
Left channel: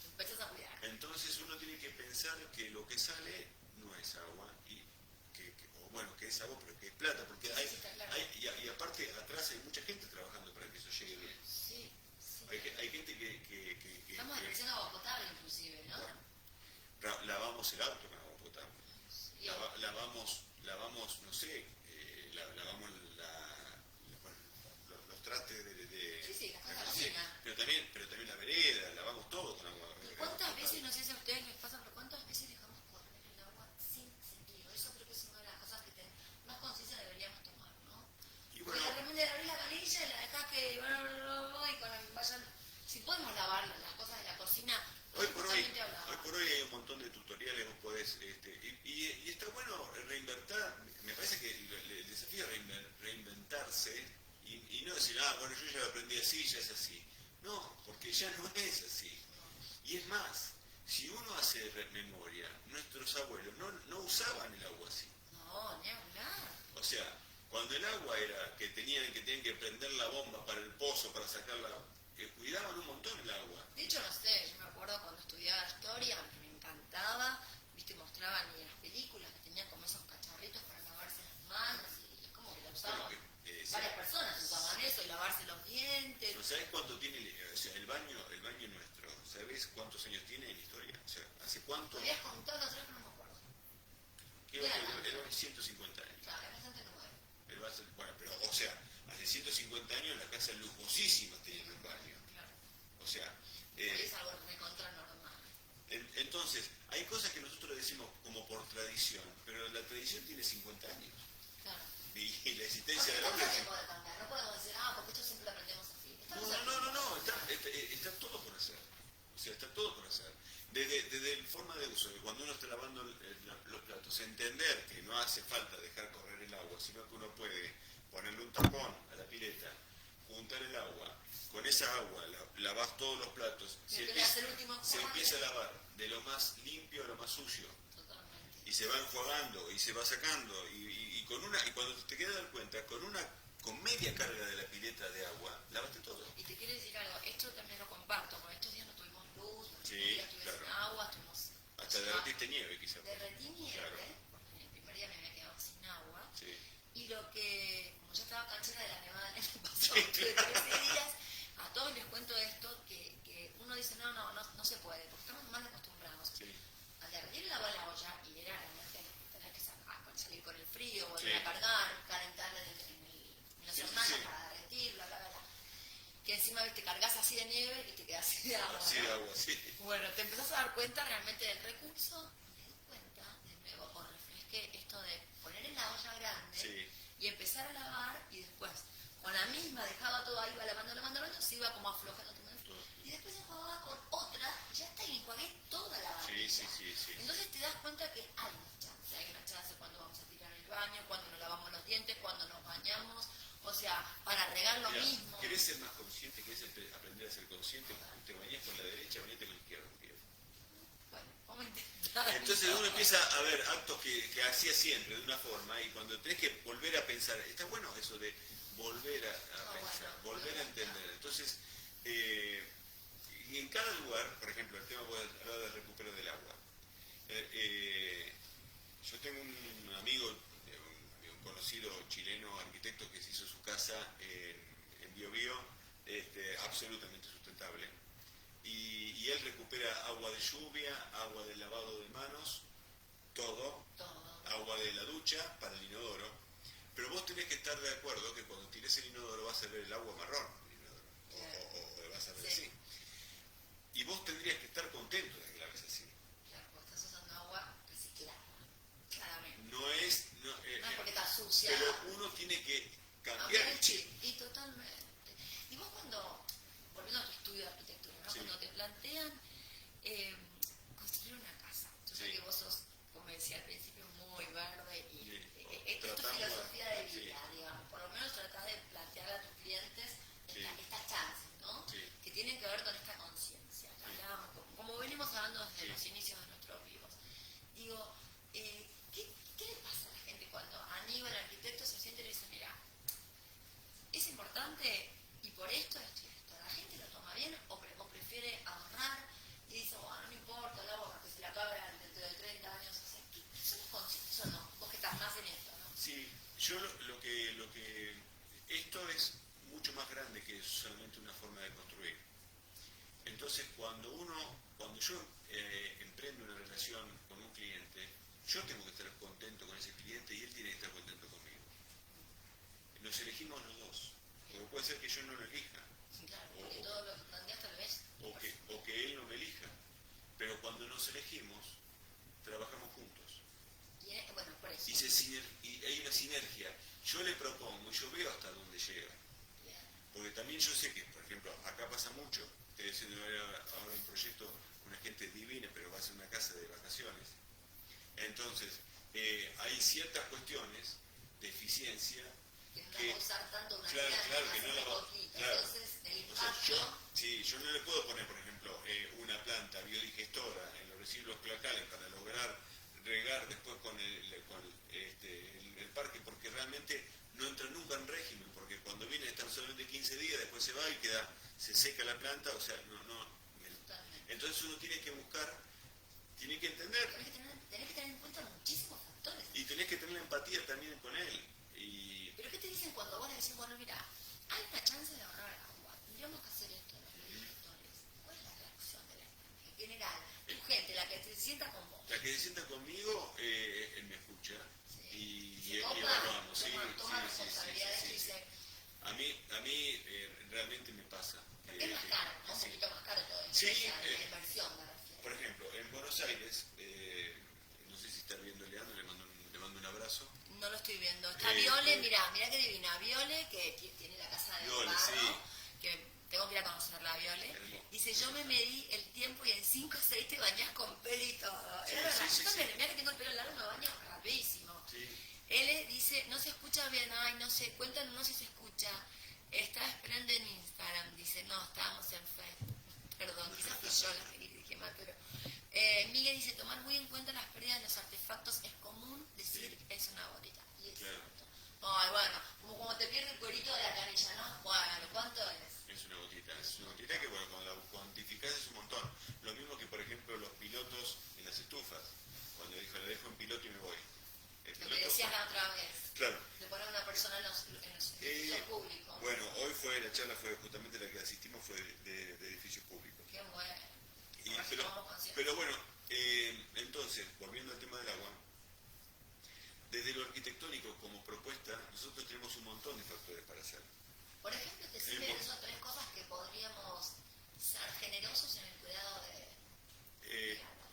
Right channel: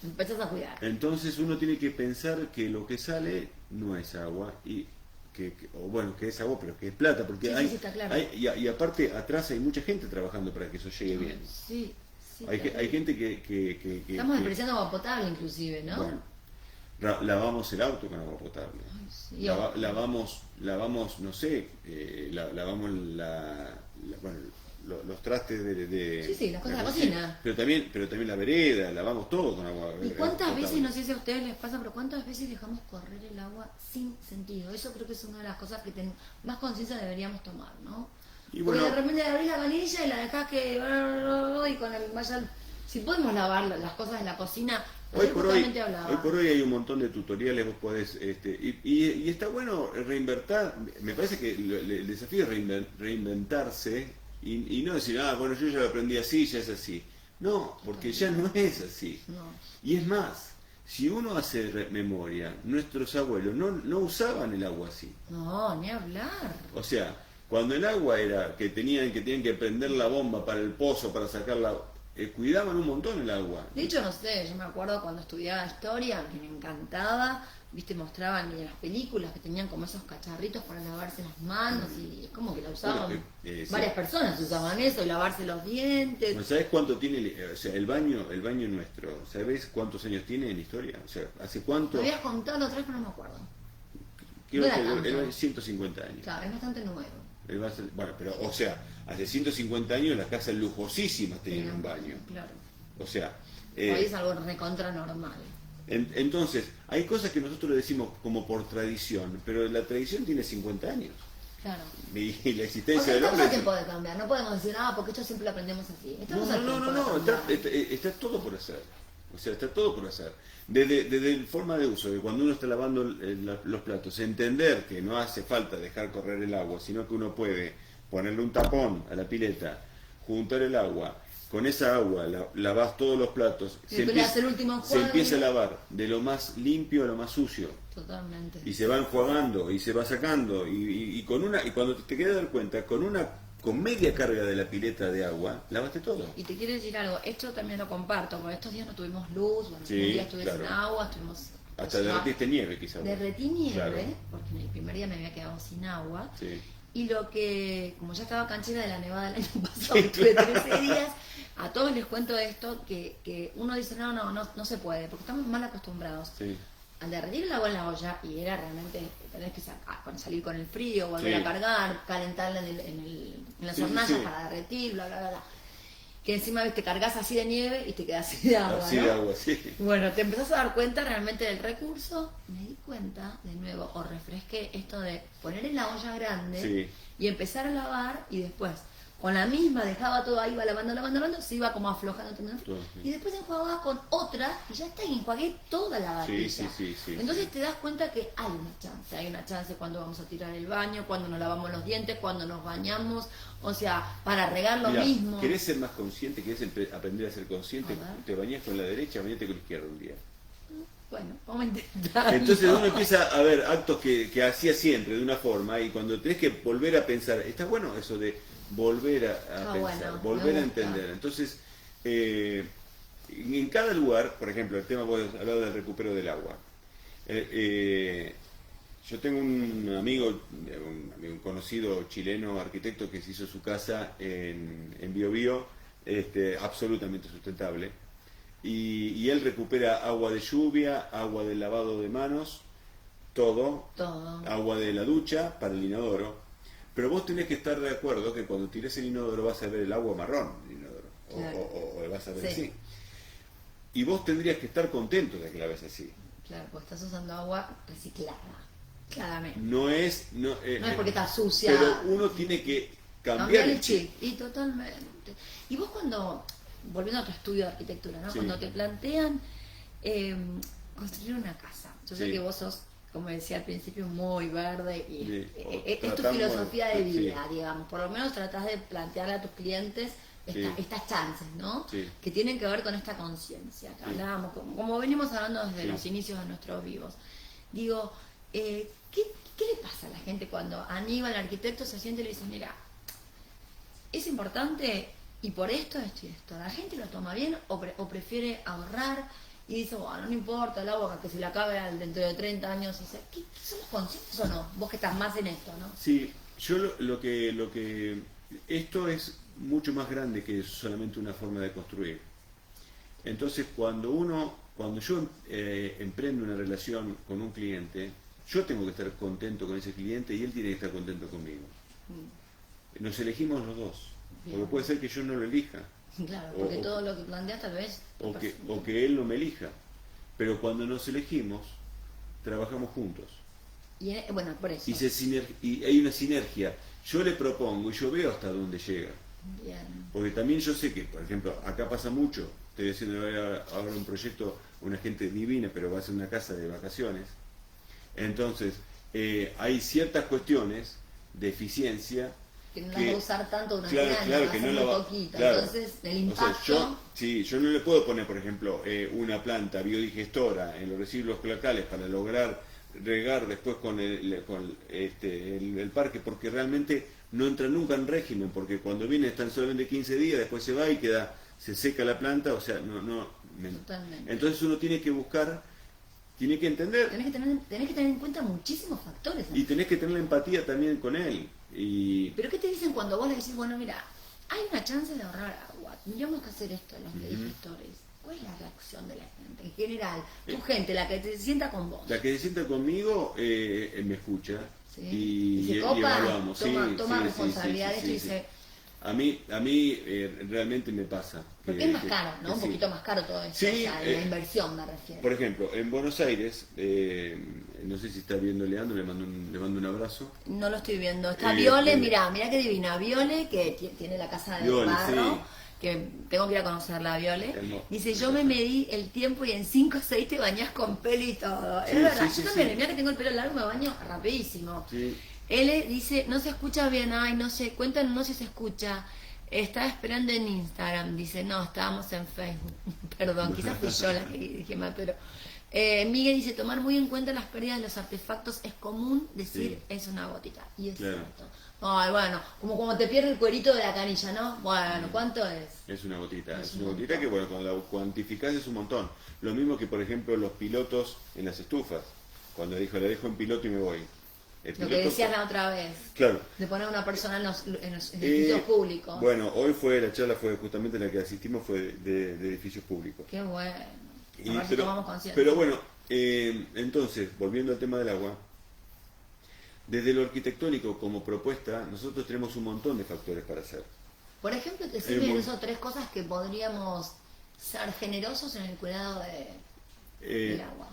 empezás a cuidar. entonces uno tiene que pensar que lo que sale no es agua y que es agua pero que es plata, porque Sí, sí, está claro. y aparte atrás hay mucha gente trabajando para que eso llegue bien. Sí, sí. Hay gente que Estamos despreciando agua potable inclusive, ¿no? bueno, lavamos el auto con agua potable. Ay, sí. Lavamos, no sé, lavamos los trastes de Sí, las cosas de la cocina. pero también la vereda, lavamos todo con agua. ¿Y cuántas potable. veces, no sé si a ustedes les pasa, pero cuántas veces dejamos correr el agua sin sentido? Eso creo que es una de las cosas que más conciencia deberíamos tomar, ¿no? Y Porque bueno, de repente abrís la canilla y la dejás que... y con el vaya... Si podemos lavar las cosas de la cocina... hoy por hablaba. hoy hay un montón de tutoriales, vos podés, y está bueno reinventar. Me parece que el desafío es reinventarse y no decir, bueno, yo ya lo aprendí así, ya es así. No, porque ya no es así. No. Y es más, si uno hace memoria, nuestros abuelos no usaban el agua así. No, ni hablar. O sea, cuando el agua era que tenían que prender la bomba para el pozo, para sacarla, cuidaban un montón el agua. De hecho, no sé, yo me acuerdo cuando estudiaba historia, que me encantaba, viste, mostraban en las películas que tenían como esos cacharritos para lavarse las manos y es como que la usaban, Bueno, sí. varias personas usaban eso, y lavarse los dientes. Bueno, ¿sabés cuánto tiene, o sea, el baño nuestro? ¿Sabés cuántos años tiene en historia? O sea, ¿hace cuánto? Me habías contado otra vez, pero no me acuerdo. Creo no era que tanto. el baño 150 años. Claro, es bastante nuevo. Bueno, pero, o sea, hace 150 años las casas lujosísimas tenían un baño. Claro. O sea, Hoy es algo recontra normal. entonces, hay cosas que nosotros le decimos como por tradición, pero la tradición tiene 50 años. Claro. Y la O existencia sea, del estamos hombre... a tiempo de cambiar. No podemos decir, porque esto siempre lo aprendemos así. No, Estamos a tiempo de está, cambiar. está todo por hacer. O sea, está todo por hacer. Desde el forma de uso, de cuando uno está lavando los platos, entender que no hace falta dejar correr el agua, sino que uno puede ponerle un tapón a la pileta, juntar el agua, con esa agua lavas todos los platos, Y después le hace el último se enjuague. empieza a lavar de lo más limpio a lo más sucio. Totalmente. Y se va enjuagando y se va sacando y cuando te quieres dar cuenta, con media carga de la pileta de agua, lavaste todo. Y te quiero decir algo, esto también lo comparto, porque estos días no tuvimos luz, bueno, Sí, un día estuve claro. sin agua, estuvimos... Hasta derretiste nieve quizás. Derretí nieve, Claro. porque en el primer día me había quedado sin agua. Sí. Y lo que, como ya estaba canchera de la nevada del año pasado, Sí, tuve claro. 13 días, a todos les cuento esto, que uno dice, no se puede, porque estamos mal acostumbrados. Sí. Al derretir el agua en la olla, y era realmente tener que salir con el frío, volver Sí. a cargar, calentarla en las Sí, sí, hornallas sí. para derretir, bla, bla, bla. Que encima te cargas así de nieve y te quedas así de agua, Así ¿no? de agua, sí. Bueno, te empezás a dar cuenta realmente del recurso. Me di cuenta, de nuevo, o refresqué esto de poner en la olla grande Sí. y empezar a lavar y después, con la misma, dejaba todo ahí, iba lavando, se iba como aflojando. Todo, sí. Y después enjuagaba con otra y ya está, y enjuagué toda la varilla. Sí. Entonces te das cuenta que hay una chance cuando vamos a tirar el baño, cuando nos lavamos los dientes, cuando nos bañamos, o sea, para regar lo Mirá, mismo. ¿querés ser más consciente? ¿Querés aprender a ser consciente? A ver. Te bañás con la derecha, bañate con la izquierda un día. Bueno, vamos a intentar. Entonces uno empieza a ver actos que hacía siempre de una forma y cuando tenés que volver a pensar, está bueno eso de volver a Está pensar, bueno, volver me a gusta. entender. Entonces, en cada lugar, por ejemplo, el tema, vos hablado del recupero del agua. Yo tengo un amigo, un conocido chileno arquitecto que se hizo su casa en Biobío, absolutamente sustentable. Y él recupera agua de lluvia, agua del lavado de manos, todo, agua de la ducha para el inodoro. Pero vos tenés que estar de acuerdo que cuando tires el inodoro vas a ver el agua marrón del inodoro, Claro. o vas a ver Sí. así. Y vos tendrías que estar contento de que la ves así. Claro, pues estás usando agua reciclada, claramente. No es No es porque está sucia. pero uno tiene que cambiar el chip. Y totalmente. Y vos cuando, volviendo a tu estudio de arquitectura, ¿no? Sí. Cuando te plantean construir una casa, yo sé Sí. que vos sos, como decía al principio, muy verde y Sí. es tu Tratamos filosofía de sí. vida, digamos. Por lo menos tratás de plantearle a tus clientes Sí. estas chances, ¿no? Sí. Que tienen que ver con esta conciencia que Sí. hablábamos, como venimos hablando desde Sí. los inicios de nuestros vivos. Digo, ¿qué le pasa a la gente cuando Aníbal, el arquitecto, se siente y le dice, mira, es importante y por esto, esto y esto? ¿La gente lo toma bien o prefiere ahorrar y dice, bueno, no importa el agua que se le acabe dentro de 30 años? Y dice, ¿somos conscientes o no? Vos que estás más en esto, ¿no? Sí, yo lo que esto es mucho más grande que solamente una forma de construir. Entonces, cuando yo emprendo una relación con un cliente, yo tengo que estar contento con ese cliente y él tiene que estar contento conmigo. Nos elegimos los dos, porque Bien. puede ser que yo no lo elija, Claro, porque O- todo lo que planteas tal vez... o que él no me elija. Pero cuando nos elegimos, trabajamos juntos. Bueno, por eso. Y hay una sinergia. Yo le propongo y yo veo hasta dónde llega. Bien. Porque también yo sé que, por ejemplo, acá pasa mucho. Estoy haciendo ahora un proyecto, una gente divina, pero va a ser una casa de vacaciones. Entonces, hay ciertas cuestiones de eficiencia Que no la va a usar tanto una claro, año, claro, va a que ser no muy la va poquita. claro. Entonces, el O sea, impacto... yo no le puedo poner, por ejemplo, una planta biodigestora en los residuos locales para lograr regar después con el parque, porque realmente no entra nunca en régimen, porque cuando viene están solamente 15 días, después se va y se seca la planta, o sea, Totalmente. entonces uno tiene que buscar, tiene que entender Tenés que tener en cuenta muchísimos factores. y tenés que tener la empatía también con él. Pero ¿qué te dicen cuando vos le decís, bueno, mira, hay una chance de ahorrar agua, tendríamos que hacer esto en los biodigestori? ¿Cuál es la reacción de la gente? En general, tu gente, la que te sienta con vos. La que se sienta conmigo me escucha ¿Sí? y se copa, evaluamos. toma Sí, sí, responsabilidad sí, y sí, dice, realmente me pasa. Porque es más caro, ¿no? Un sí. poquito más caro todo esto. Sí, o sea, la inversión me refiero. Por ejemplo, en Buenos Aires, no sé si está viendo Leandro, le mando un abrazo. No lo estoy viendo. Está Viole, mirá qué divina. Viole, que tiene la casa de Viole, barro, sí. que tengo que ir a conocerla, Viole. Hermoso. Dice, yo me medí el tiempo y en 5 o 6 te bañás con pelo y todo. Sí, Es verdad, sí, yo sí, también, sí. mirá que tengo el pelo largo, me baño rapidísimo. Sí. L dice, no se escucha bien, ay, no sé, cuéntanos si se escucha. Estaba esperando en Instagram, dice, no, estábamos en Facebook. Perdón, quizás fui yo la que dije mal, pero... Miguel dice, tomar muy en cuenta las pérdidas de los artefactos es común decir Sí. es una gotita. Y es Claro. cierto. Ay, bueno, como cuando te pierde el cuerito de la canilla, ¿no? Bueno, ¿cuánto es? Es una gotita, Es es un una gotita montón. que, bueno, cuando la cuantificás es un montón. Lo mismo que, por ejemplo, los pilotos en las estufas. Cuando dijo, la dejo en piloto y me voy. El Lo que piloto- decías la otra vez, Claro. de poner a una persona en los edificios públicos. Bueno, la charla fue justamente la que asistimos, fue de edificios públicos. Qué bueno. Y- A ver si tomamos conciencia. pero bueno, entonces, volviendo al tema del agua, desde lo arquitectónico como propuesta, nosotros tenemos un montón de factores para hacer. Por ejemplo, te Hay sirven un- eso 3 cosas que podríamos ser generosos en el cuidado Eh, del agua.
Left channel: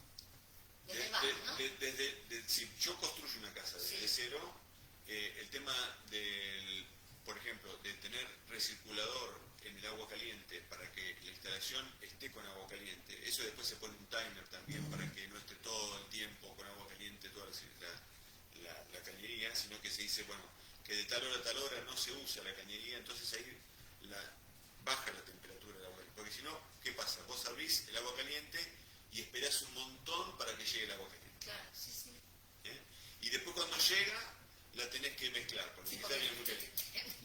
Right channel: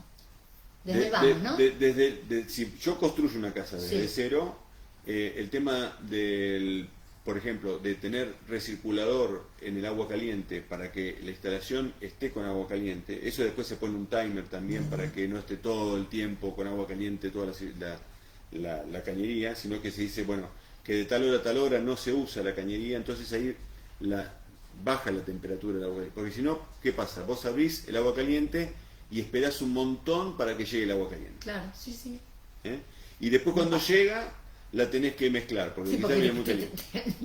Desde el vamos, ¿no? Si yo construyo una casa desde Sí. cero, el tema del, por ejemplo, de tener recirculador en el agua caliente para que la instalación esté con agua caliente, eso después se pone un timer también para que no esté todo el tiempo con agua caliente toda la cañería, sino que se dice, bueno, que de tal hora a tal hora no se usa la cañería, entonces ahí baja la temperatura del agua. Porque si no, ¿qué pasa? Vos abrís el agua caliente y esperás un montón para que llegue el agua caliente. Claro, sí, sí. ¿Eh? Y después cuando llega, la tenés que mezclar, porque Sí, quizás porque viene muy caliente.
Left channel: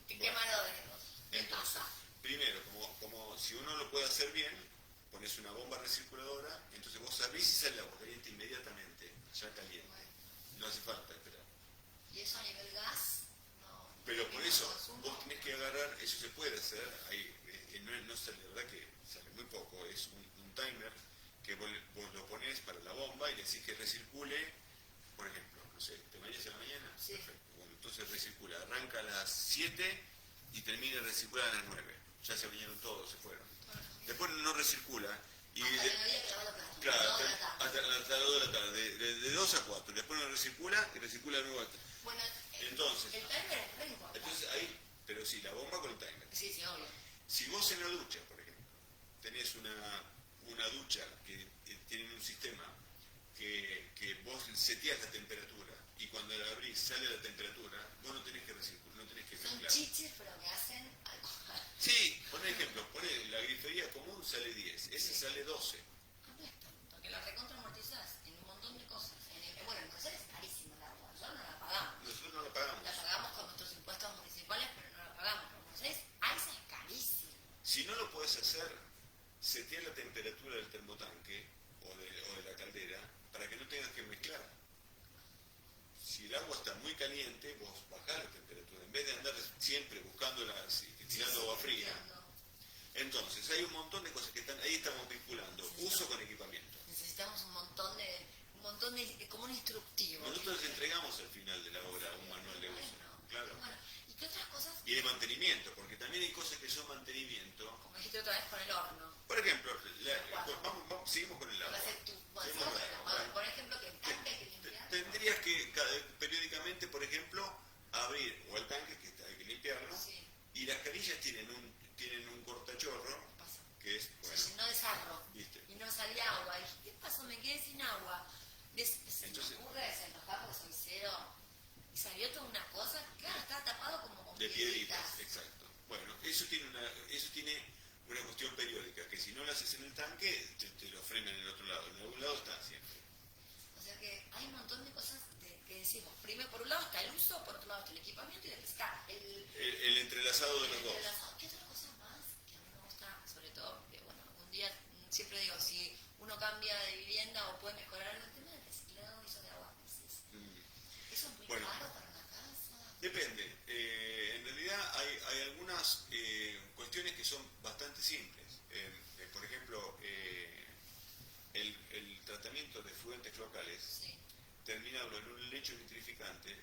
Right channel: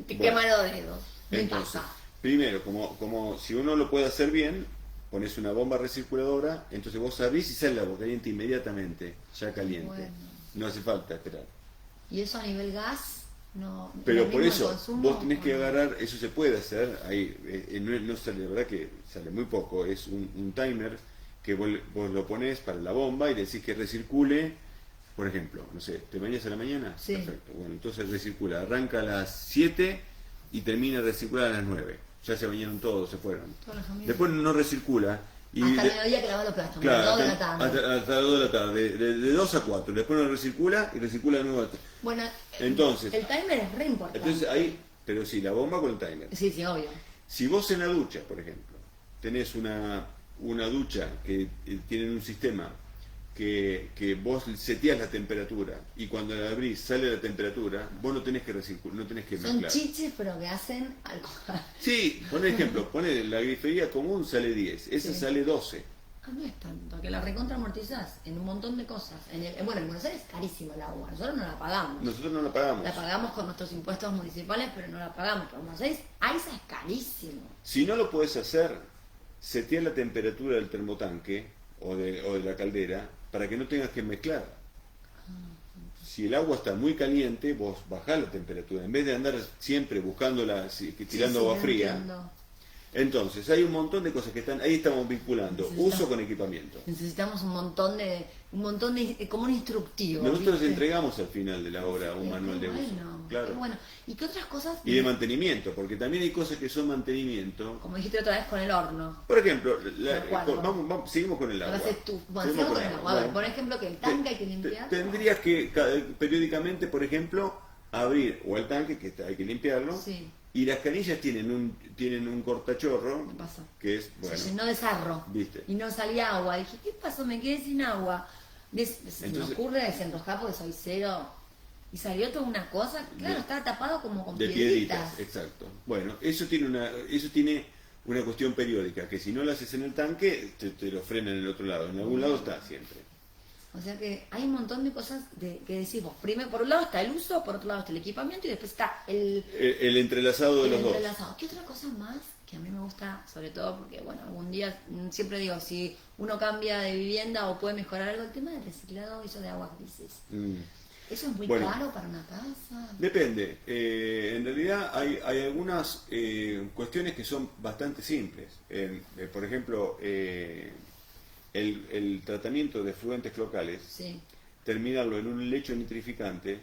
te Bueno, queman los dedos. Me entonces, pasa. primero, como si uno lo puede hacer bien, pones una bomba recirculadora, entonces vos abrís y sale el agua caliente inmediatamente, ya caliente. Bueno. No hace falta esperar. Y eso a nivel gas, no. Pero ¿lo por mismo eso, el consumo, vos tenés que o no? agarrar, eso se puede hacer, ahí no sale, la verdad que sale muy poco, es un timer que vos lo pones para la bomba y le decís que recircule, por ejemplo, no sé, ¿te bañas a la mañana? Sí. Perfecto, bueno, entonces recircula, arranca a las 7 y termina de recircular a las 9, ya se bañaron todos, se fueron. Toda la familia. Después no recircula. Y Hasta el mediodía que lavas los platos, claro, a las 2 de la tarde. hasta las 2 de la tarde, de 2 a 4, después no recircula y recircula de nuevo. Bueno, Entonces, el timer es re importante. entonces ahí, pero sí, la bomba con el timer. Sí, sí, obvio. Si vos en la ducha, por ejemplo, tenés una ducha que tiene un sistema que vos seteás la temperatura y cuando la abrís sale la temperatura, vos no tenés que no tenés que Son mezclar. chiches, pero que hacen algo. Sí, por ejemplo, poné la grifería común sale 10, esa Sí. sale 12. Ah, no es tanto, que la recontra amortizás en un montón de cosas. Bueno, en Buenos Aires es carísimo el agua, nosotros no la pagamos. Nosotros no la pagamos. La pagamos con nuestros impuestos municipales, pero no la pagamos. Pero en Buenos Aires, AISA es carísimo. Si no lo podés hacer, setear la temperatura del termotanque o de la caldera para que no tengas que mezclar. Si el agua está muy caliente, vos bajás la temperatura. En vez de andar siempre buscándola, tirando Sí, agua lo fría. entiendo. Entonces, hay un montón de cosas que están, ahí estamos vinculando, Necesitamos- uso con equipamiento. Necesitamos un montón de, como un instructivo. Nosotros ¿viste? entregamos al final de la obra un manual de uso. Bueno, Claro. qué bueno. ¿Y qué otras cosas? Y de mantenimiento, porque también hay cosas que son mantenimiento. Como dijiste otra vez con el horno. Por ejemplo, De acuerdo. seguimos con el agua. Entonces tú, bueno, Seguimos sigamos con el agua. A ver, Bueno, por ejemplo, que el tanque hay que limpiar. Tendrías que periódicamente, por ejemplo, abrir o el tanque, que hay que limpiarlo, Sí. y las canillas tienen un cortachorro, ¿Qué pasó? que es, Se bueno, llenó de sarro. viste. Y no salía agua. Dije, ¿qué pasó? Me quedé sin agua. Se me Entonces- ocurre desenroscar porque soy cero. Y salió toda una cosa. Claro, De- estaba tapado como con De piedritas. piedritas, exacto. Bueno, eso tiene una cuestión periódica, que si no lo haces en el tanque, te lo frenan en el otro lado. En algún lado está siempre. O sea que hay un montón de cosas que decís vos. Primero, por un lado está el uso, por otro lado está el equipamiento y después está El entrelazado de el los dos. entrelazado. ¿Qué otra cosa más que a mí me gusta, sobre todo porque, bueno, algún día siempre digo, si uno cambia de vivienda o puede mejorar algo, el tema del reciclado, eso de aguas grises. Mm. ¿Eso es muy Bueno. caro para una casa? Depende. En realidad hay algunas cuestiones que son bastante simples. Por ejemplo, el tratamiento de efluentes locales, Sí. terminarlo en un lecho nitrificante,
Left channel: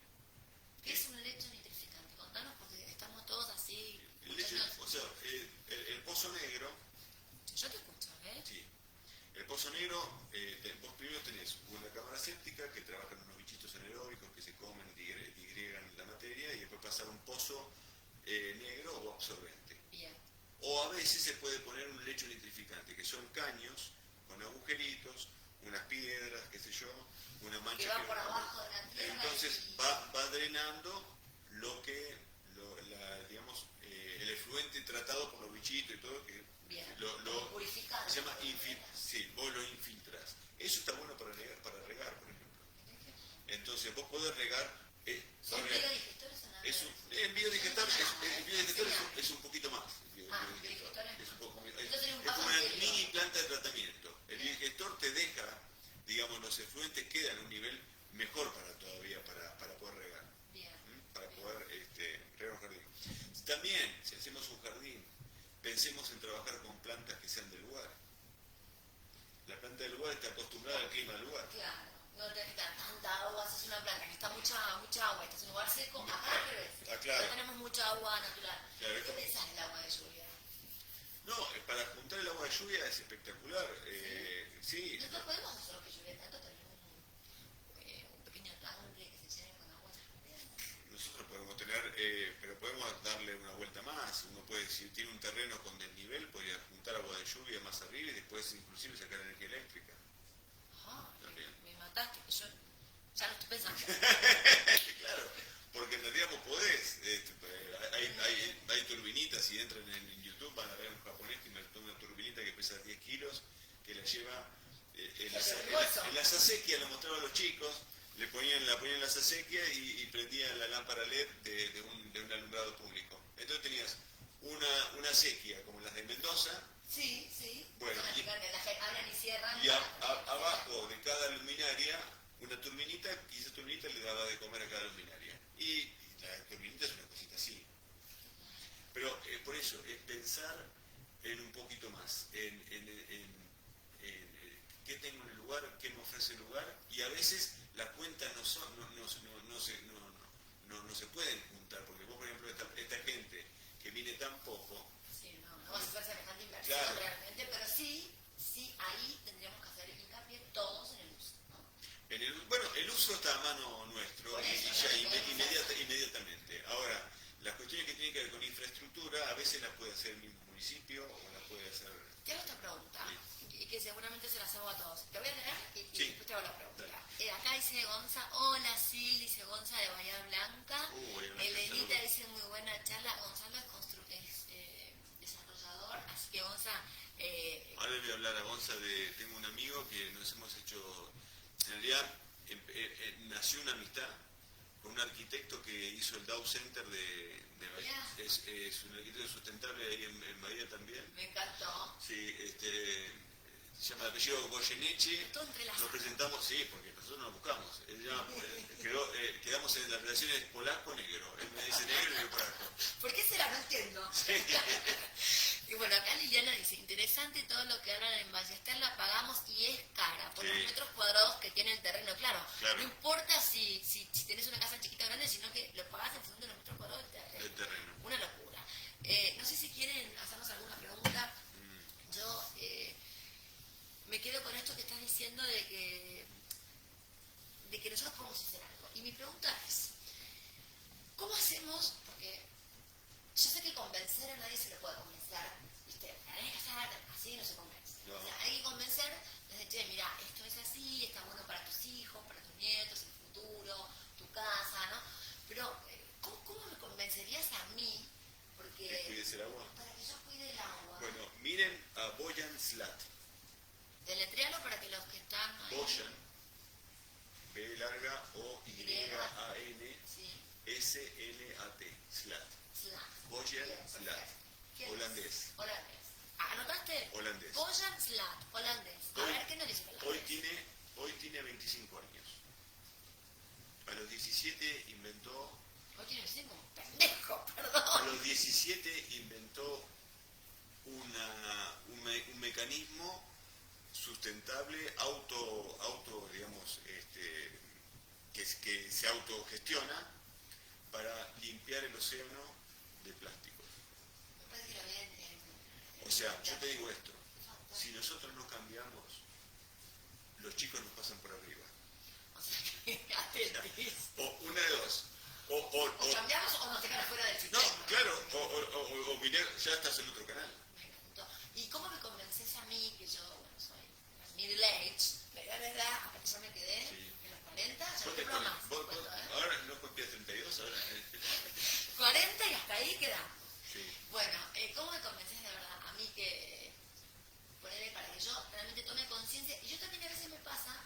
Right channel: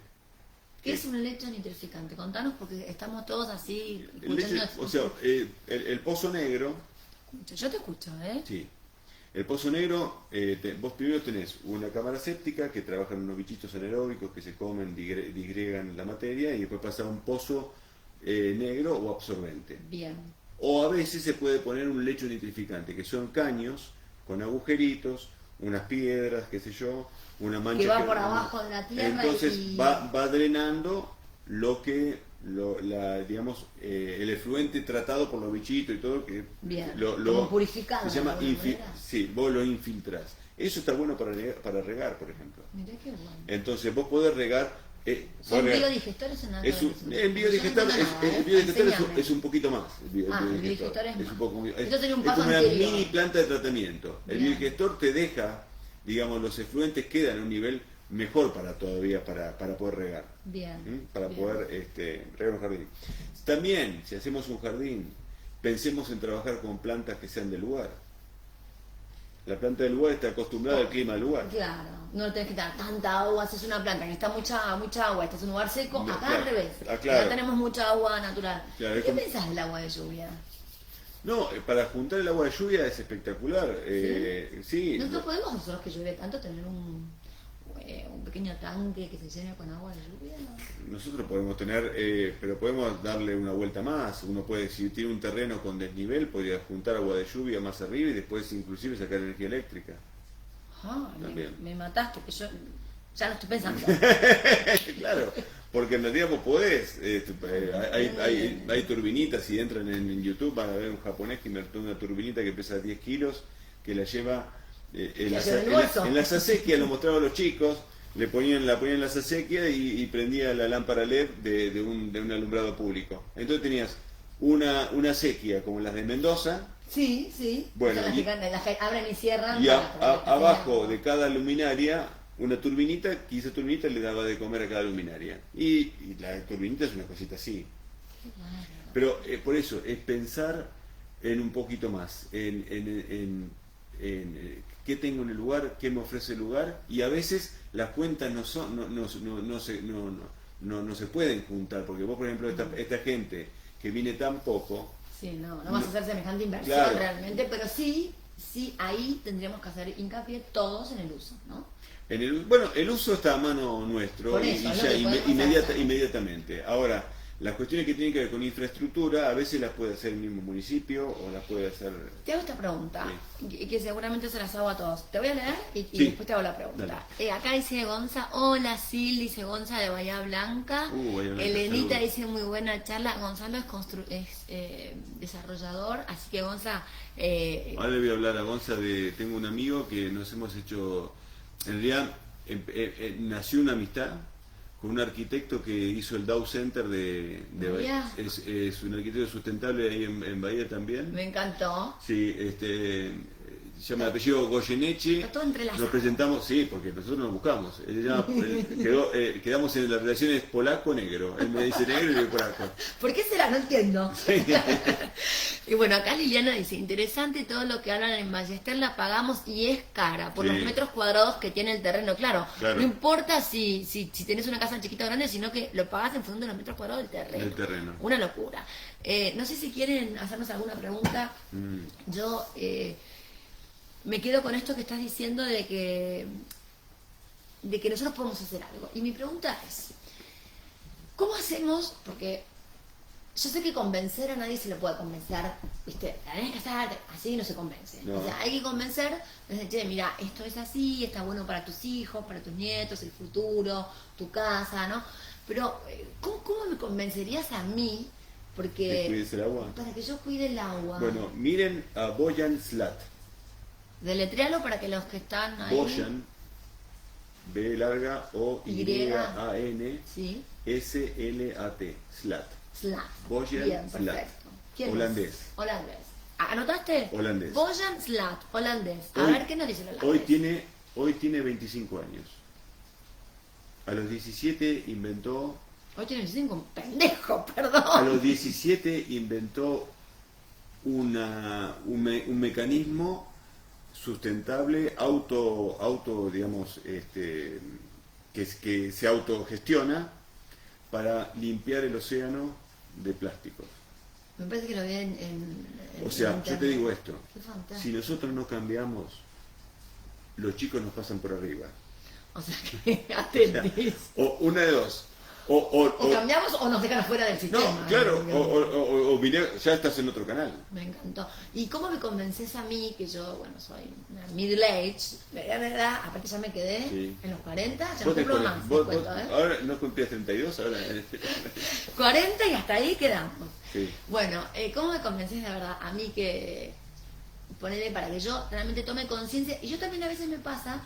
¿Qué es un lecho nitrificante? Contanos porque estamos todos así El lecho, escuchando. o sea, el pozo negro, Yo te escucho, ¿eh? sí. El pozo negro, vos primero tenés una cámara séptica que trabajan unos bichitos anaeróbicos que se comen, disgregan la materia y después pasa a un pozo negro o absorbente. Bien. O a veces se puede poner un lecho nitrificante, que son caños con agujeritos, unas piedras, qué sé yo, una mancha Que va por abajo de la tierra. entonces y... va drenando digamos, el efluente tratado por los bichitos y todo, que Bien, como purificado. se llama de alguna manera. sí, vos lo infiltrás. Eso está bueno para regar, por ejemplo. Mirá qué bueno. Entonces vos podés regar. ¿Son biodigestores en algo? El biodigestor, es un poquito más. El biodigestor es un poco, Esto sería un es paso como una anterior. mini planta de tratamiento. El Bien. biodigestor te deja, digamos, los efluentes quedan en un nivel mejor para poder regar. Bien. Para bien. poder regar un jardín. También, si hacemos un jardín, pensemos en trabajar con plantas que sean del lugar. La planta del lugar está acostumbrada al clima del lugar. Claro, no tenés que dar tanta agua, si es una planta que está mucha agua, este es un lugar seco, No, acá claro. al revés. Claro. Acá tenemos mucha agua natural. Claro, es ¿Qué como- pensás del agua de lluvia? No, para juntar el agua de lluvia es espectacular. Sí, Nosotros podemos, nosotros que llueve tanto, tener un pequeño tanque que se llene con agua de lluvia. nosotros podemos tener, pero podemos darle una vuelta más. Uno puede, si tiene un terreno con desnivel, podría juntar agua de lluvia más arriba y después inclusive sacar energía eléctrica. Ah, También. me mataste, que yo ya lo estoy pensando. Claro, porque en realidad vos podés, hay turbinitas, si entran en YouTube van a ver un japonés que inventó una turbinita que pesa 10 kilos, que la lleva en lleva el bolso. en las acequias, lo mostraba a los chicos, la ponían en las acequias y prendía la lámpara LED de un alumbrado público. Entonces tenías una acequia como las de Mendoza, Sí, sí. Bueno, Las y- que abren y cierran. y para que abajo sea- de cada luminaria una turbinita, que esa turbinita le daba de comer a cada luminaria. Y la turbinita es una cosita así. Pero por eso, es pensar en un poquito más, en qué tengo en el lugar, qué me ofrece el lugar, y a veces las cuentas no se pueden juntar, porque vos, por ejemplo, esta gente que viene tan poco, Sí, no vas a hacer semejante inversión Claro. realmente, pero sí, ahí tendríamos que hacer hincapié todos en el uso, ¿no? bueno, el uso está a mano nuestro Por y eso, es lo ya que podemos hacer. inmediatamente. Ahora, las cuestiones que tienen que ver con infraestructura, a veces las puede hacer el mismo municipio o las puede hacer... Te hago esta pregunta, que seguramente se las hago a todos. Te voy a leer y Sí. después te hago la pregunta. Acá dice Gonza, hola Sil, dice Gonza de Bahía Blanca. Bahía Blanca, Elenita saludos. dice muy buena charla. Gonzalo es desarrollador, así que Gonza... Ahora le voy a hablar a Gonza tengo un amigo que nos hemos hecho, en realidad nació una amistad con un arquitecto que hizo el Dow Center de Bahía. es un arquitecto sustentable ahí en Bahía también. me encantó. Sí, se llama el apellido Goyeneche. Está todo entrelazado. Nos presentamos, sí, porque nosotros nos buscamos. Quedamos en las relaciones polaco-negro. Él me dice negro y yo polaco. ¿Por qué será? No entiendo. Y bueno, acá Liliana dice, interesante todo lo que hablan en Ballester, la pagamos y es cara por Sí. los metros cuadrados que tiene el terreno. Claro, Claro. no importa si tenés una casa chiquita o grande, sino que lo pagás en función de los metros cuadrados del terreno. Del terreno. Una locura. No sé si quieren hacernos alguna pregunta. Yo me quedo con esto que estás diciendo de que nosotros podemos hacer algo. Y mi pregunta es, ¿cómo hacemos? Porque yo sé que convencer a nadie se lo puede convencer, ¿viste? Tenés que hacer, así no se convence. No. O sea, hay que convencer, desde, che, mira, esto es así, está bueno para tus hijos, para tus nietos, el futuro, tu casa, ¿no? Pero, ¿cómo me convencerías a mí? Porque... ¿Que cuides el agua? Para que yo cuide el agua. Bueno, miren a Boyan Slat. Deletrealo para que los que están ahí... Boyan, B larga O Y A N Sí, S L A T, Slat. Slat. Boyan Bien, Slat. perfecto. ¿Quién es? Holandés. Holandés. ¿Anotaste? Holandés. Boyan Slat, holandés. A Hoy- ver, ¿qué nos dice el holandés? Hoy tiene 25 años. A los 17 inventó... Hoy tiene 25, un pendejo, A perdón. los 17 inventó un mecanismo sustentable, digamos, que se autogestiona para limpiar el océano de plásticos. Me parece que lo vi en O sea, yo te internet. digo esto, Qué fantástico. si nosotros no cambiamos, los chicos nos pasan por arriba. O sea, que atentis. O una de dos. O cambiamos o nos dejan fuera del sistema. No, claro, o ya estás en otro canal. Me encantó. ¿Y cómo me convences a mí, que yo, bueno, soy una middle age, mediana edad, aparte ya me quedé Sí. en los 40, ya no Vos te cumplo pones- más, vos- te cuento, ¿eh? Ahora no cumplías 32, ahora... 40 y hasta ahí quedamos. Sí. Bueno, ¿cómo me convences de verdad a mí que ponerle para que yo realmente tome conciencia? Y yo también a veces me pasa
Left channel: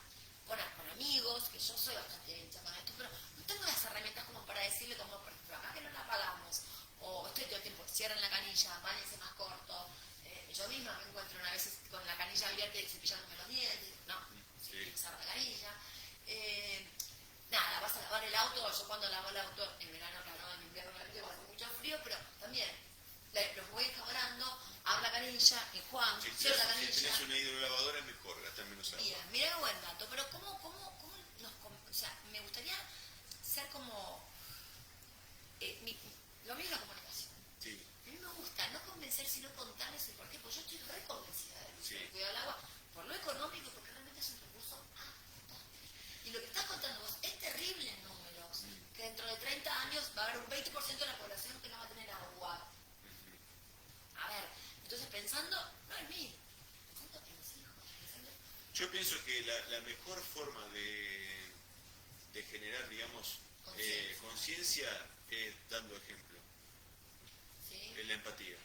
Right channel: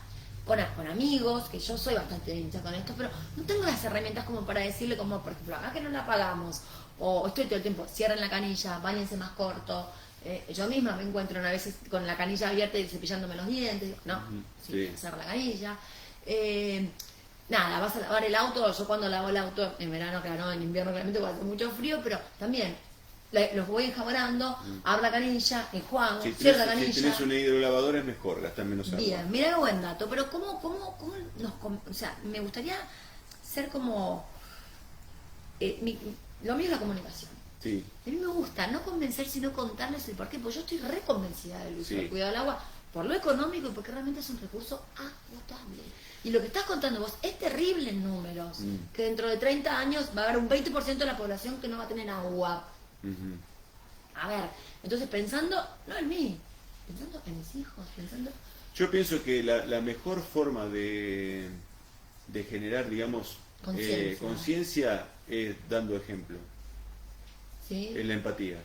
con amigos, que yo soy bastante hincha con esto, pero no tengo las herramientas como para decirle, como por ejemplo, acá que no la pagamos, o estoy todo el tiempo, cierren la canilla, báñense más corto. Yo misma me encuentro a veces con la canilla abierta y cepillándome los dientes, digo, no, sí, Sí. cerrar la canilla. Nada, vas a lavar el auto, yo cuando lavo el auto, en verano, claro, no, en invierno claramente porque hace mucho frío, pero también los voy enjabonando, abro la canilla, enjuago, Si cierro la tenés, si canilla. tenés una hidrolavadora es mejor, gastar menos agua. Bien, mira qué buen dato, pero ¿cómo o sea, me gustaría ser como, lo mío es la comunicación. Sí, A mí me gusta no convencer, sino contarles el porqué, porque yo estoy reconvencida del uso Sí. del cuidado del agua, por lo económico y porque realmente es un recurso agotable. Y lo que estás contando vos es terrible en números, que dentro de 30 años va a haber un 20% de la población que no va a tener agua. ujú. A ver, entonces pensando, no en mí, pensando en mis hijos, pensando... Yo pienso que la mejor forma de generar, digamos, conciencia es dando ejemplo, ¿Sí? es la empatía.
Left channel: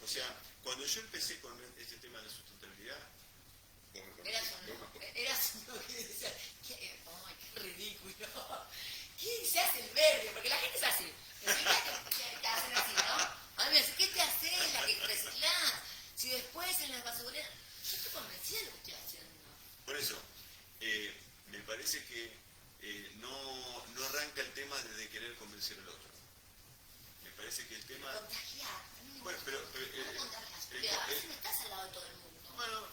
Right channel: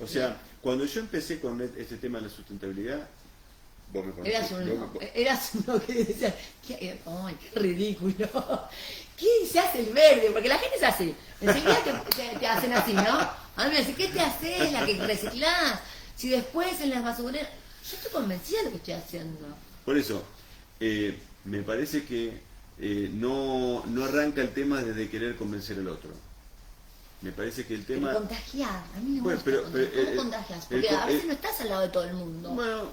O sea, cuando yo empecé con este tema de la sustentabilidad, vos me conocés. Eras uno que decía, ¡ay, qué ridículo! ¿Qué se hace el verde? Porque la gente es así. Enseguida te hacen así, ¿no? A mí me dicen, ¿qué te haces? La que reciclás. Si después en las basureras... Yo estoy convencida de lo que estoy haciendo. Por eso, me parece que no arranca el tema desde querer convencer al otro. Me parece que el tema... Pero contagiar. A mí me Bueno, gusta contagiar. pero, ¿Cómo contagias? Porque a veces no estás al lado de todo el mundo. Bueno,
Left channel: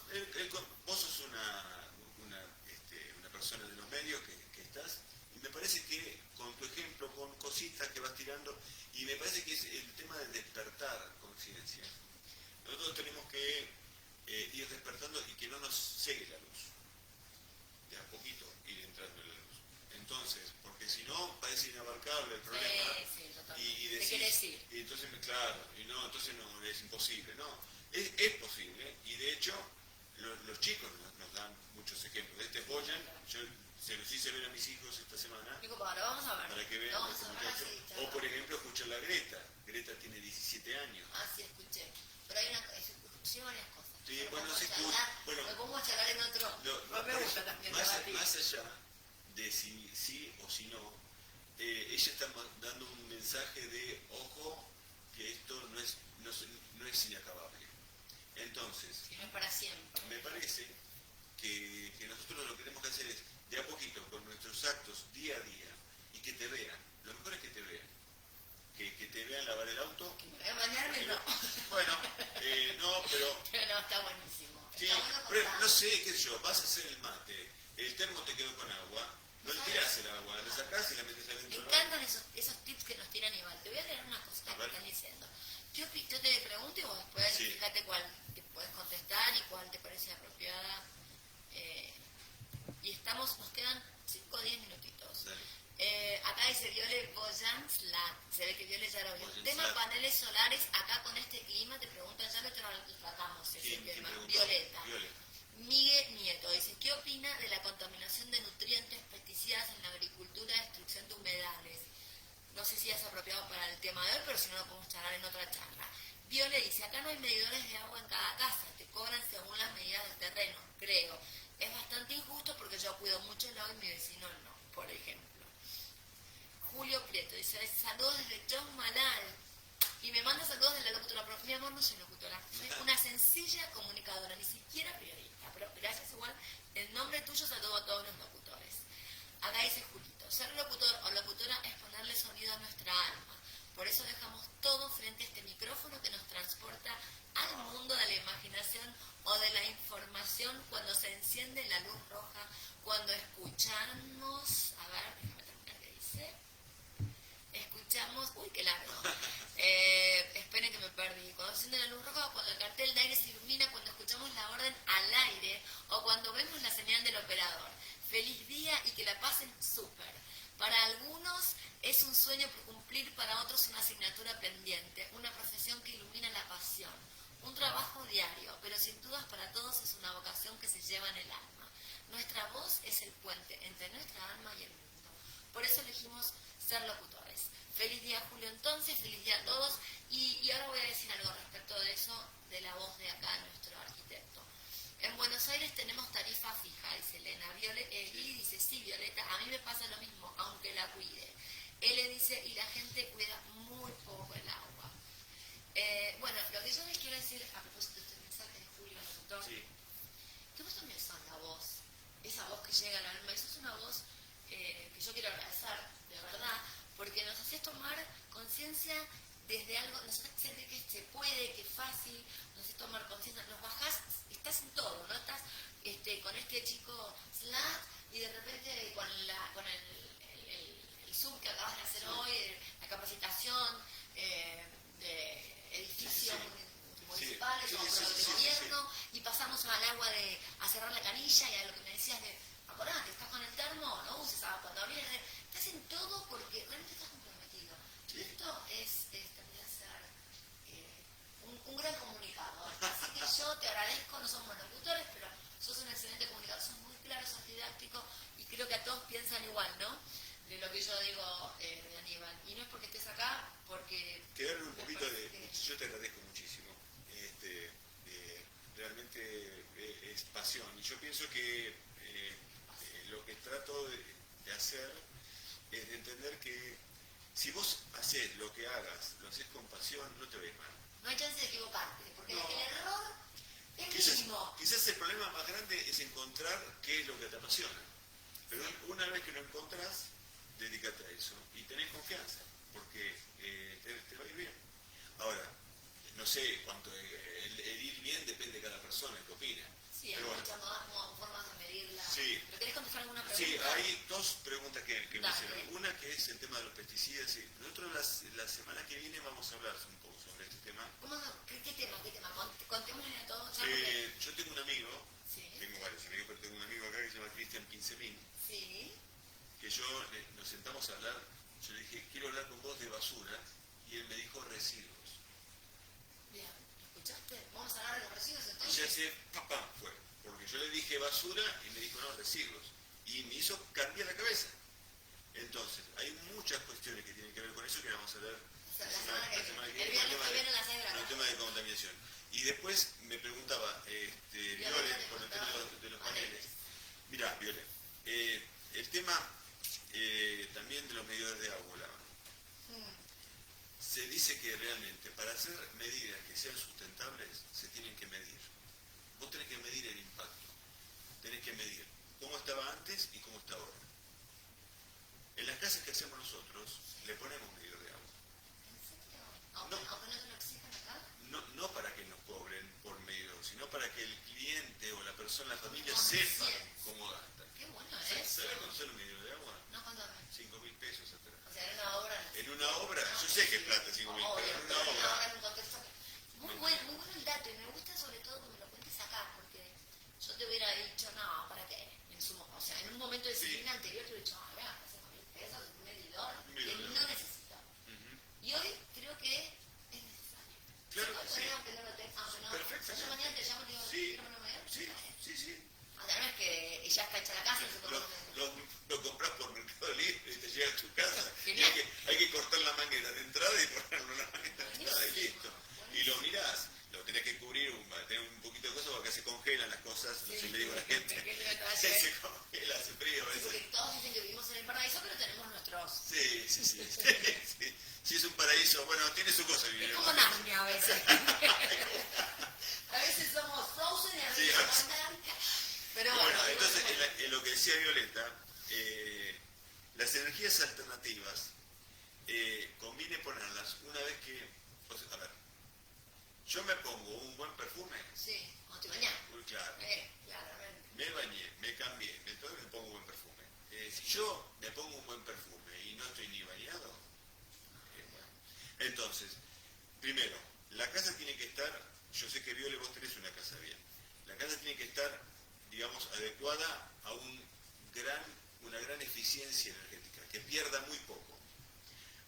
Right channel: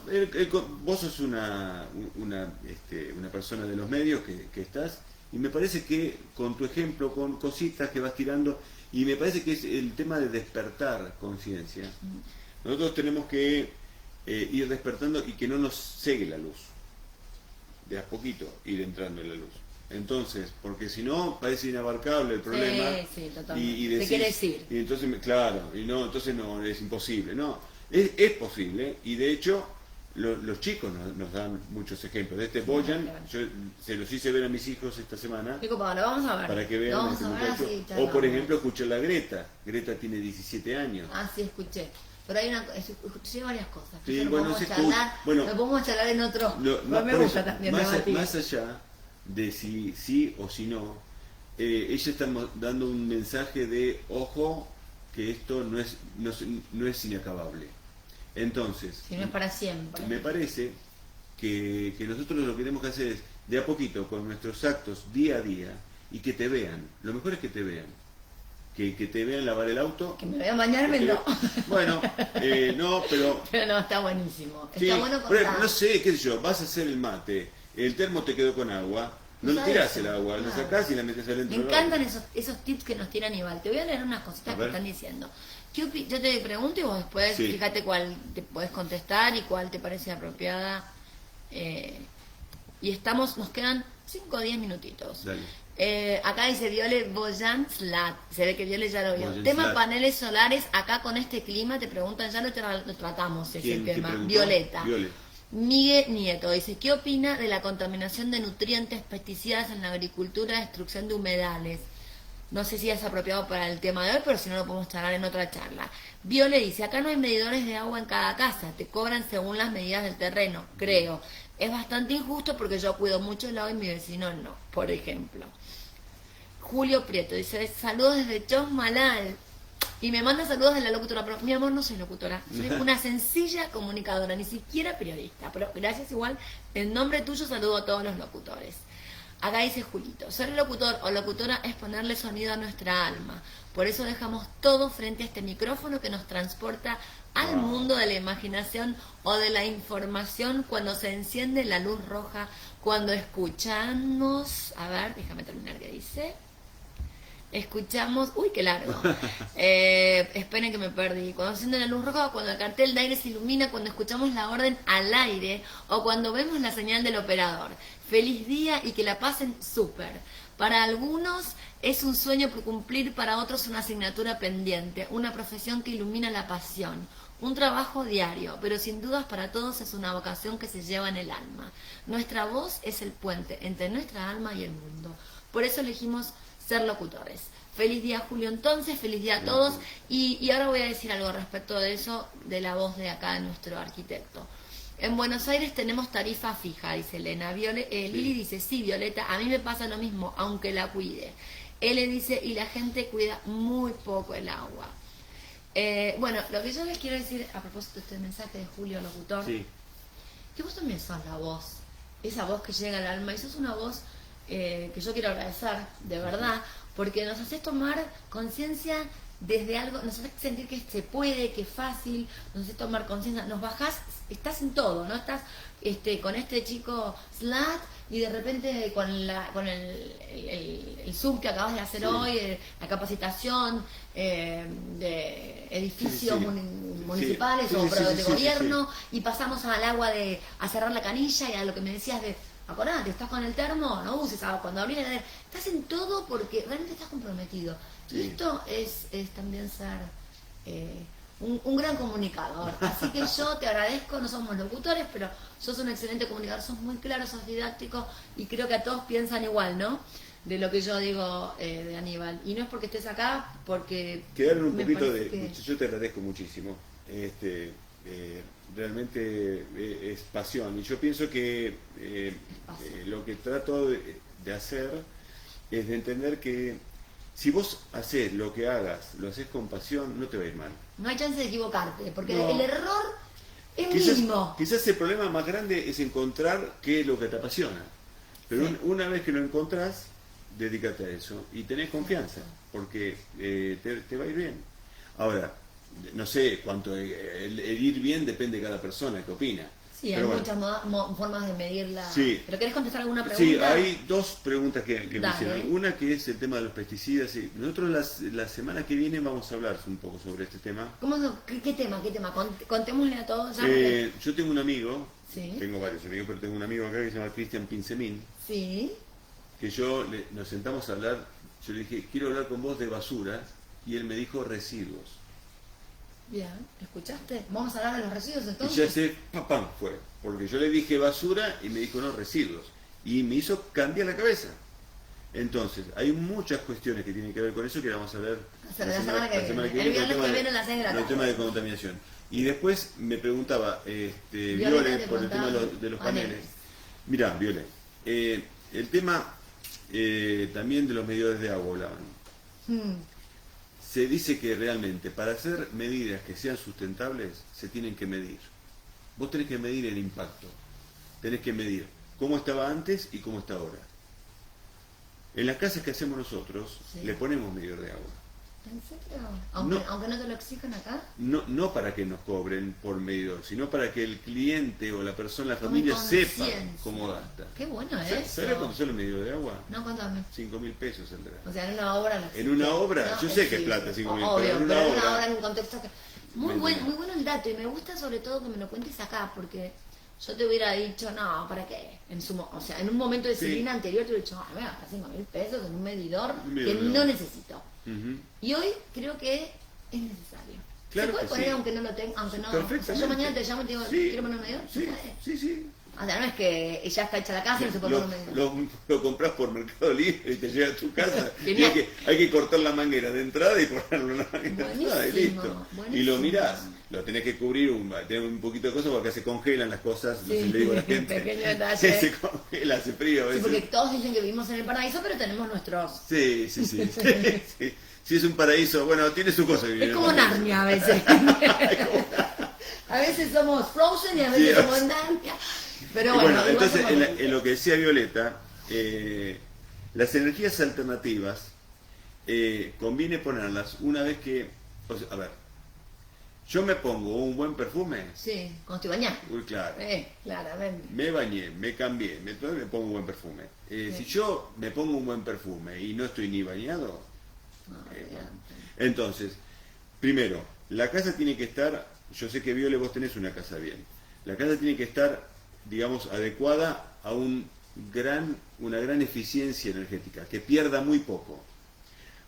vos sos una persona de los medios que estás, y me parece que con tu ejemplo, con cositas que vas tirando, y me parece que es el tema de despertar conciencia. Nosotros tenemos que ir despertando y que no nos cegue la luz. De a poquito ir entrando en la luz. Entonces, porque si no, parece inabarcable el problema. Sí, totalmente. Y ¿Qué decís, quiere decir? y entonces, claro, y no, entonces no, es imposible. No, es posible, y de hecho, los chicos nos dan muchos ejemplos. De este Boyan, claro. yo se los hice ver a mis hijos esta semana, Pico, lo vamos a ver. para que vean Lo vamos este a ver muchacho. así, O por charlamos. ejemplo, escuchar a Greta. Greta tiene 17 años. Ah, sí, escuché. Pero hay escuché varias cosas. Sí, Eso lo bueno, podemos se charlar, escucha. Bueno, lo podemos charlar en otro. No, Pero me por gusta eso, también más debatir. allá de si sí o si no, ella está dando un mensaje de ojo, que esto no es inacabable. Entonces, Si no es para siempre. me parece que nosotros lo que tenemos que hacer es de a poquito, con nuestros actos día a día, y que te vean. Lo mejor es que te vean. Que te vean lavar el auto. Que me voy a bañarme, que te- no. Bueno, no, pero Pero no, está buenísimo. sí, Está bueno pero contar. no sé, qué sé yo, vas a hacer el mate, el termo te quedó con agua, no le ¿Sabes tirás eso? el agua, lo Claro. sacás y la metes adentro. Me del encantan agua. esos tips que nos tira Aníbal. Te voy a leer unas cositas A que ver. están diciendo. Yo te pregunto y vos después Sí. fíjate cuál te podés contestar y cuál te parece apropiada. Y nos quedan 5 o 10 minutitos. Dale. Acá dice Viole Boyan Slat. Se ve que Viole ya lo vio. Boyan Tema Slat. paneles solares. Acá con este clima te preguntan, ya lo tratamos ese ¿Quién te tema. preguntó? Violeta. Viole. Miguel Nieto dice, ¿qué opina de la contaminación de nutrientes, pesticidas en la agricultura, destrucción de humedales? No sé si es apropiado para el tema de hoy, pero si no lo podemos charlar en otra charla. Viole dice, acá no hay medidores de agua en cada casa, te cobran según las medidas del terreno, creo. Es bastante injusto porque yo cuido mucho el agua y mi vecino no, por ejemplo. Julio Prieto dice, saludos desde Chosmalal. Y me manda saludos de la locutora, pero mi amor, no soy locutora, soy una sencilla comunicadora, ni siquiera periodista, pero gracias igual, en nombre tuyo saludo a todos los locutores. Acá dice Julito, ser locutor o locutora es ponerle sonido a nuestra alma, por eso dejamos todo frente a este micrófono que nos transporta al mundo de la imaginación o de la información cuando se enciende la luz roja, cuando escuchamos, a ver, déjame terminar que dice... escuchamos... Uy, qué largo. Esperen que me perdí. Cuando se enciende la luz roja, cuando el cartel de aire se ilumina, cuando escuchamos la orden al aire o cuando vemos la señal del operador. Feliz día y que la pasen súper. Para algunos es un sueño por cumplir, para otros una asignatura pendiente, una profesión que ilumina la pasión. Un trabajo diario, pero sin dudas para todos es una vocación que se lleva en el alma. Nuestra voz es el puente entre nuestra alma y el mundo. Por eso elegimos ser locutores. Feliz día, Julio, entonces, feliz día a todos. Y ahora voy a decir algo respecto de eso, de la voz de acá de nuestro arquitecto. En Buenos Aires tenemos tarifa fija, dice Elena. Lili dice, sí, Violeta, a mí me pasa lo mismo, aunque la cuide. Ele dice, y la gente cuida muy poco el agua. Bueno, lo que yo les quiero decir a propósito de este mensaje de Julio Locutor, Sí. que vos también sos la voz, esa voz que llega al alma, y sos una voz que yo quiero agradecer, de verdad, porque nos haces tomar conciencia desde algo, nos haces sentir que se puede, que es fácil, nos haces tomar conciencia, nos bajás, estás en todo, ¿no? Estás con este chico Slat y de repente con el Zoom que acabas de hacer hoy, la capacitación de edificios municipales Sí, o sí, de sí, gobierno, y pasamos al agua a cerrar la canilla y a lo que me decías de, acordate, estás con el termo, no uses agua, cuando abrí la heladera, estás en todo porque realmente estás comprometido. Sí. Y esto es también ser un gran comunicador. Así que yo te agradezco, no somos locutores, pero sos un excelente comunicador, sos muy claro, sos didáctico y creo que a todos piensan igual, ¿no? De lo que yo digo de Aníbal. Y no es porque estés acá, porque... Quedaron un me poquito parece de... que- Yo te agradezco muchísimo. Realmente es pasión. Y yo pienso que lo que trato de hacer es de entender que si vos haces lo que hagas, lo haces con pasión, no te va a ir mal. No hay chance de equivocarte, porque No. el error es mínimo. Quizás el problema más grande es encontrar qué es lo que te apasiona. Pero Sí. una vez que lo encontrás, dedícate a eso y tenés confianza, porque te va a ir bien. Ahora, no sé cuánto el ir bien depende de cada persona que opina. Sí, hay Pero bueno. muchas formas de medirla. Sí. ¿Pero querés contestar alguna pregunta? Sí, hay dos preguntas que me Dale. hicieron. Una que es el tema de los pesticidas. Y nosotros la semana que viene vamos a hablar un poco sobre este tema. ¿Qué tema? Contémosle a todos. Ya porque- Yo tengo un amigo, Sí. tengo varios amigos, pero tengo un amigo acá que se llama Cristian Pinsemín, Sí. que nos sentamos a hablar, yo le dije, quiero hablar con vos de basura, y él me dijo residuos. Bien. ¿Escuchaste? Vamos a hablar de los residuos Y entonces. ya sé, ¡pam! Fue. Porque yo le dije basura y me dijo no, residuos. Y me hizo cambiar la cabeza. Entonces, hay muchas cuestiones que tienen que ver con eso que vamos a ver La semana que viene. El con viernes tema que de- viene a las 6 de la con el tarde. tema de contaminación. Y después me preguntaba, Violeta Viole, te por el tema preguntaba de los paneles. paneles. Mirá, Viole, el tema también de los medidores de agua hablaban. Mm. Se dice que realmente para hacer medidas que sean sustentables se tienen que medir. Vos tenés que medir el impacto, tenés que medir cómo estaba antes y cómo está ahora. En las casas que hacemos nosotros Sí. le ponemos medidor de agua. ¿En serio? No. Aunque no te lo exijan acá. No para que nos cobren por medidor, sino para que el cliente o la persona, la Tome familia sepa conciencia. cómo gasta. Qué bueno ¿Sabes eso. cuánto sale un medidor de agua? No, contame. 5.000 pesos saldrá. O sea, en una obra... lo En una obra, No, yo sé que es sí, plata, 5.000, obvio, pero en una pero en obra... una obra en un contexto que... Muy Me entiendo. bueno el dato, y me gusta sobre todo que me lo cuentes acá, porque yo te hubiera dicho, no, ¿para qué? O sea, en un momento de Sí. disciplina anterior te hubiera dicho, me gastar 5.000 pesos en un medidor Un que medidor de no agua. necesito. Ujú. Y hoy creo que es necesario. Claro ¿Se puede que poner sí. aunque no lo tenga? Aunque no, o sea, yo Perfectamente. mañana te llamo y te digo, Sí, ¿quiero poner un medidor? Sí, ¿Se puede? sí, sí. O sea, no es que ya está hecha la casa y no se puede Lo, poner un medidor. lo compras por Mercado Libre y te llega a tu casa. Y Genial. hay que cortar la manguera de entrada y ponerle una manguera de entrada y Buenísimo, listo. Y buenísimo. lo mirás, lo tenés que cubrir, tener un poquito de cosas porque acá se congelan las cosas. Sí, le digo a la gente. pequeño detalle. Se congela, hace frío a Sí, veces. porque todos dicen que vivimos en el paraíso, pero tenemos nuestros... Sí, sí, sí. Sí. Si es un paraíso, bueno, tiene su cosa. Es como Narnia a veces. A veces somos Frozen y a veces Sí, somos Narnia. Pero Y bueno, bueno, igual entonces somos- en lo que decía Violeta, las energías alternativas conviene ponerlas una vez que, o sea, a ver, yo me pongo un buen perfume, Sí, cuando estoy bañada. uy, claro, Claramente. me bañé, me cambié, me pongo un buen perfume. Sí. Si yo me pongo un buen perfume y no estoy ni bañado, Bueno. Entonces, primero, la casa tiene que estar, yo sé que Viole vos tenés una casa bien, la casa tiene que estar, digamos, adecuada a una gran eficiencia energética, que pierda muy poco.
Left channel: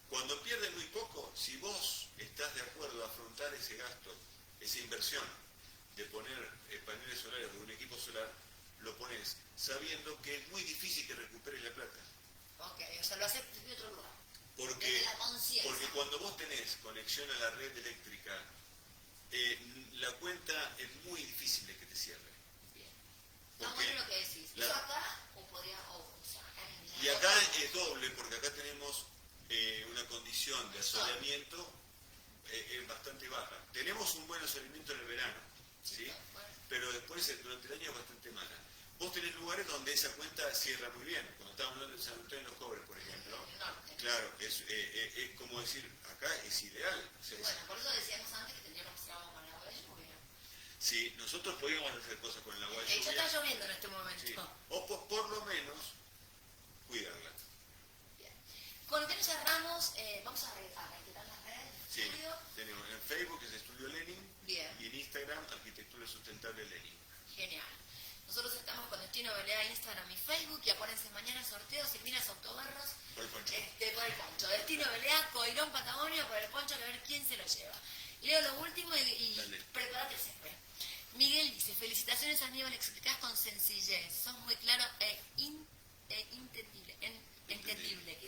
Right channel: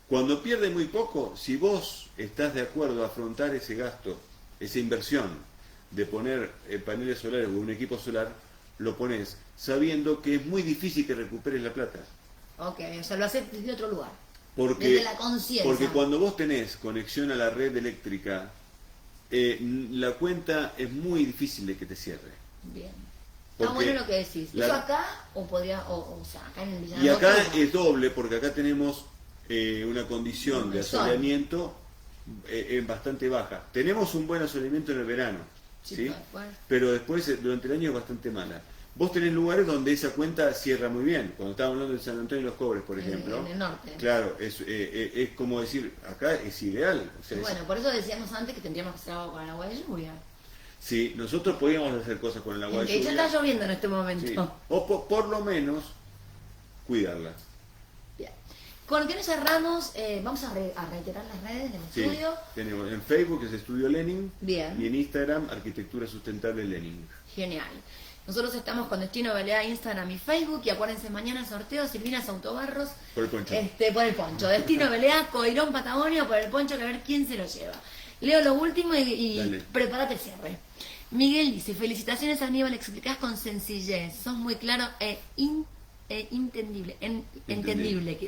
Cuando pierde muy poco, si vos estás de acuerdo a afrontar ese gasto, esa inversión de poner paneles solares o un equipo solar, lo pones sabiendo que es muy difícil que recuperes la plata. Ok, o sea, lo haces desde otro lugar. Porque, Desde la conciencia. porque cuando vos tenés conexión a la red eléctrica, la cuenta es muy difícil de que te cierre. Bien. Está Porque bueno lo que decís. ¿Eso acá o podría, o sea, acá en el Villano? Y acá es doble, porque acá tenemos una condición de asoleamiento bastante baja. Tenemos un buen asoleamiento en el verano, ¿sí? Pero después durante el año es bastante mala. Vos tenés lugares donde esa cuenta cierra muy bien. Cuando estábamos hablando de San Antonio y los Cobres, por ejemplo. En el norte. Claro, es como decir, acá es ideal. O sea, bueno, por eso decíamos antes que tendríamos que hacer algo con el agua de lluvia. Sí, nosotros podíamos hacer cosas con el agua de lluvia. De hecho está lloviendo en este momento. Sí. O por lo menos cuidarla. Bien. Con lo que nos cerramos, vamos a reiterar las redes del estudio. Tenemos en Facebook es Estudio Lenin. Bien. Y en Instagram Arquitectura Sustentable Lenin. Genial. Nosotros estamos con Destino Belea, Instagram y Facebook. Y acuérdense, mañana el sorteo, Silvinas Autobarros. Por el poncho. Por el poncho. Destino Belea, Coirón Patagonia, por el poncho, que a ver quién se lo lleva. Leo lo último y prepárate el cierre. Miguel dice, felicitaciones Aníbal, explicás con sencillez. Sos muy claro entendible.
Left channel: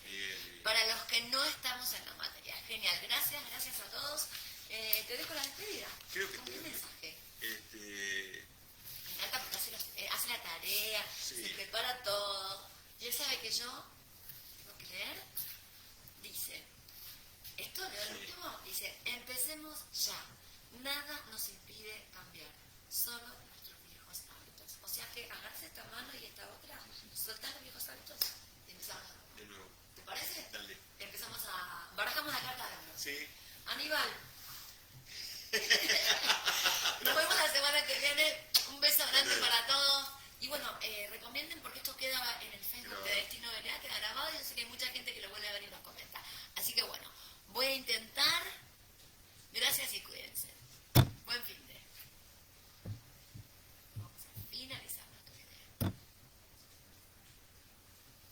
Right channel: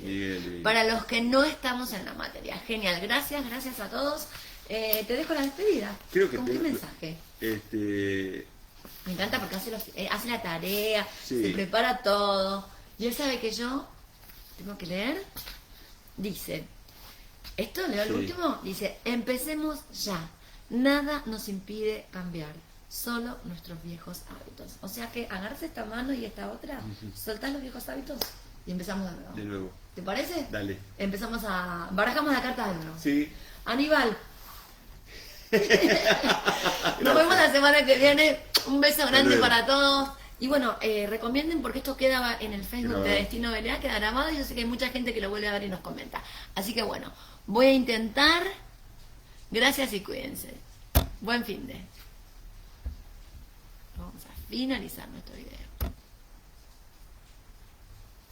Miguel. Para los que no estamos en la materia. Genial, gracias a todos. Te dejo la despedida. Creo que ¿Con qué mensaje? Me encanta porque hace la tarea, se prepara todo. Y él sabe que yo tengo que leer. Dice, esto leo el último, dice, empecemos ya. Nada nos impide cambiar, solo nuestros viejos hábitos. O sea que agarrarse esta mano y esta otra, soltar los viejos hábitos y empezamos de nuevo. De nuevo. ¿Te parece? Dale. Empezamos barajamos la carta de nuevo. Sí. Aníbal. Nos vemos la semana que viene. Un beso grande para todos. Y bueno, recomienden porque esto queda en el Facebook de Destino Belea, queda grabado y yo sé que hay mucha gente que lo vuelve a ver y nos comenta. Así que bueno, voy a intentar. Gracias y cuídense. Buen fin de. Vamos a finalizar nuestro video.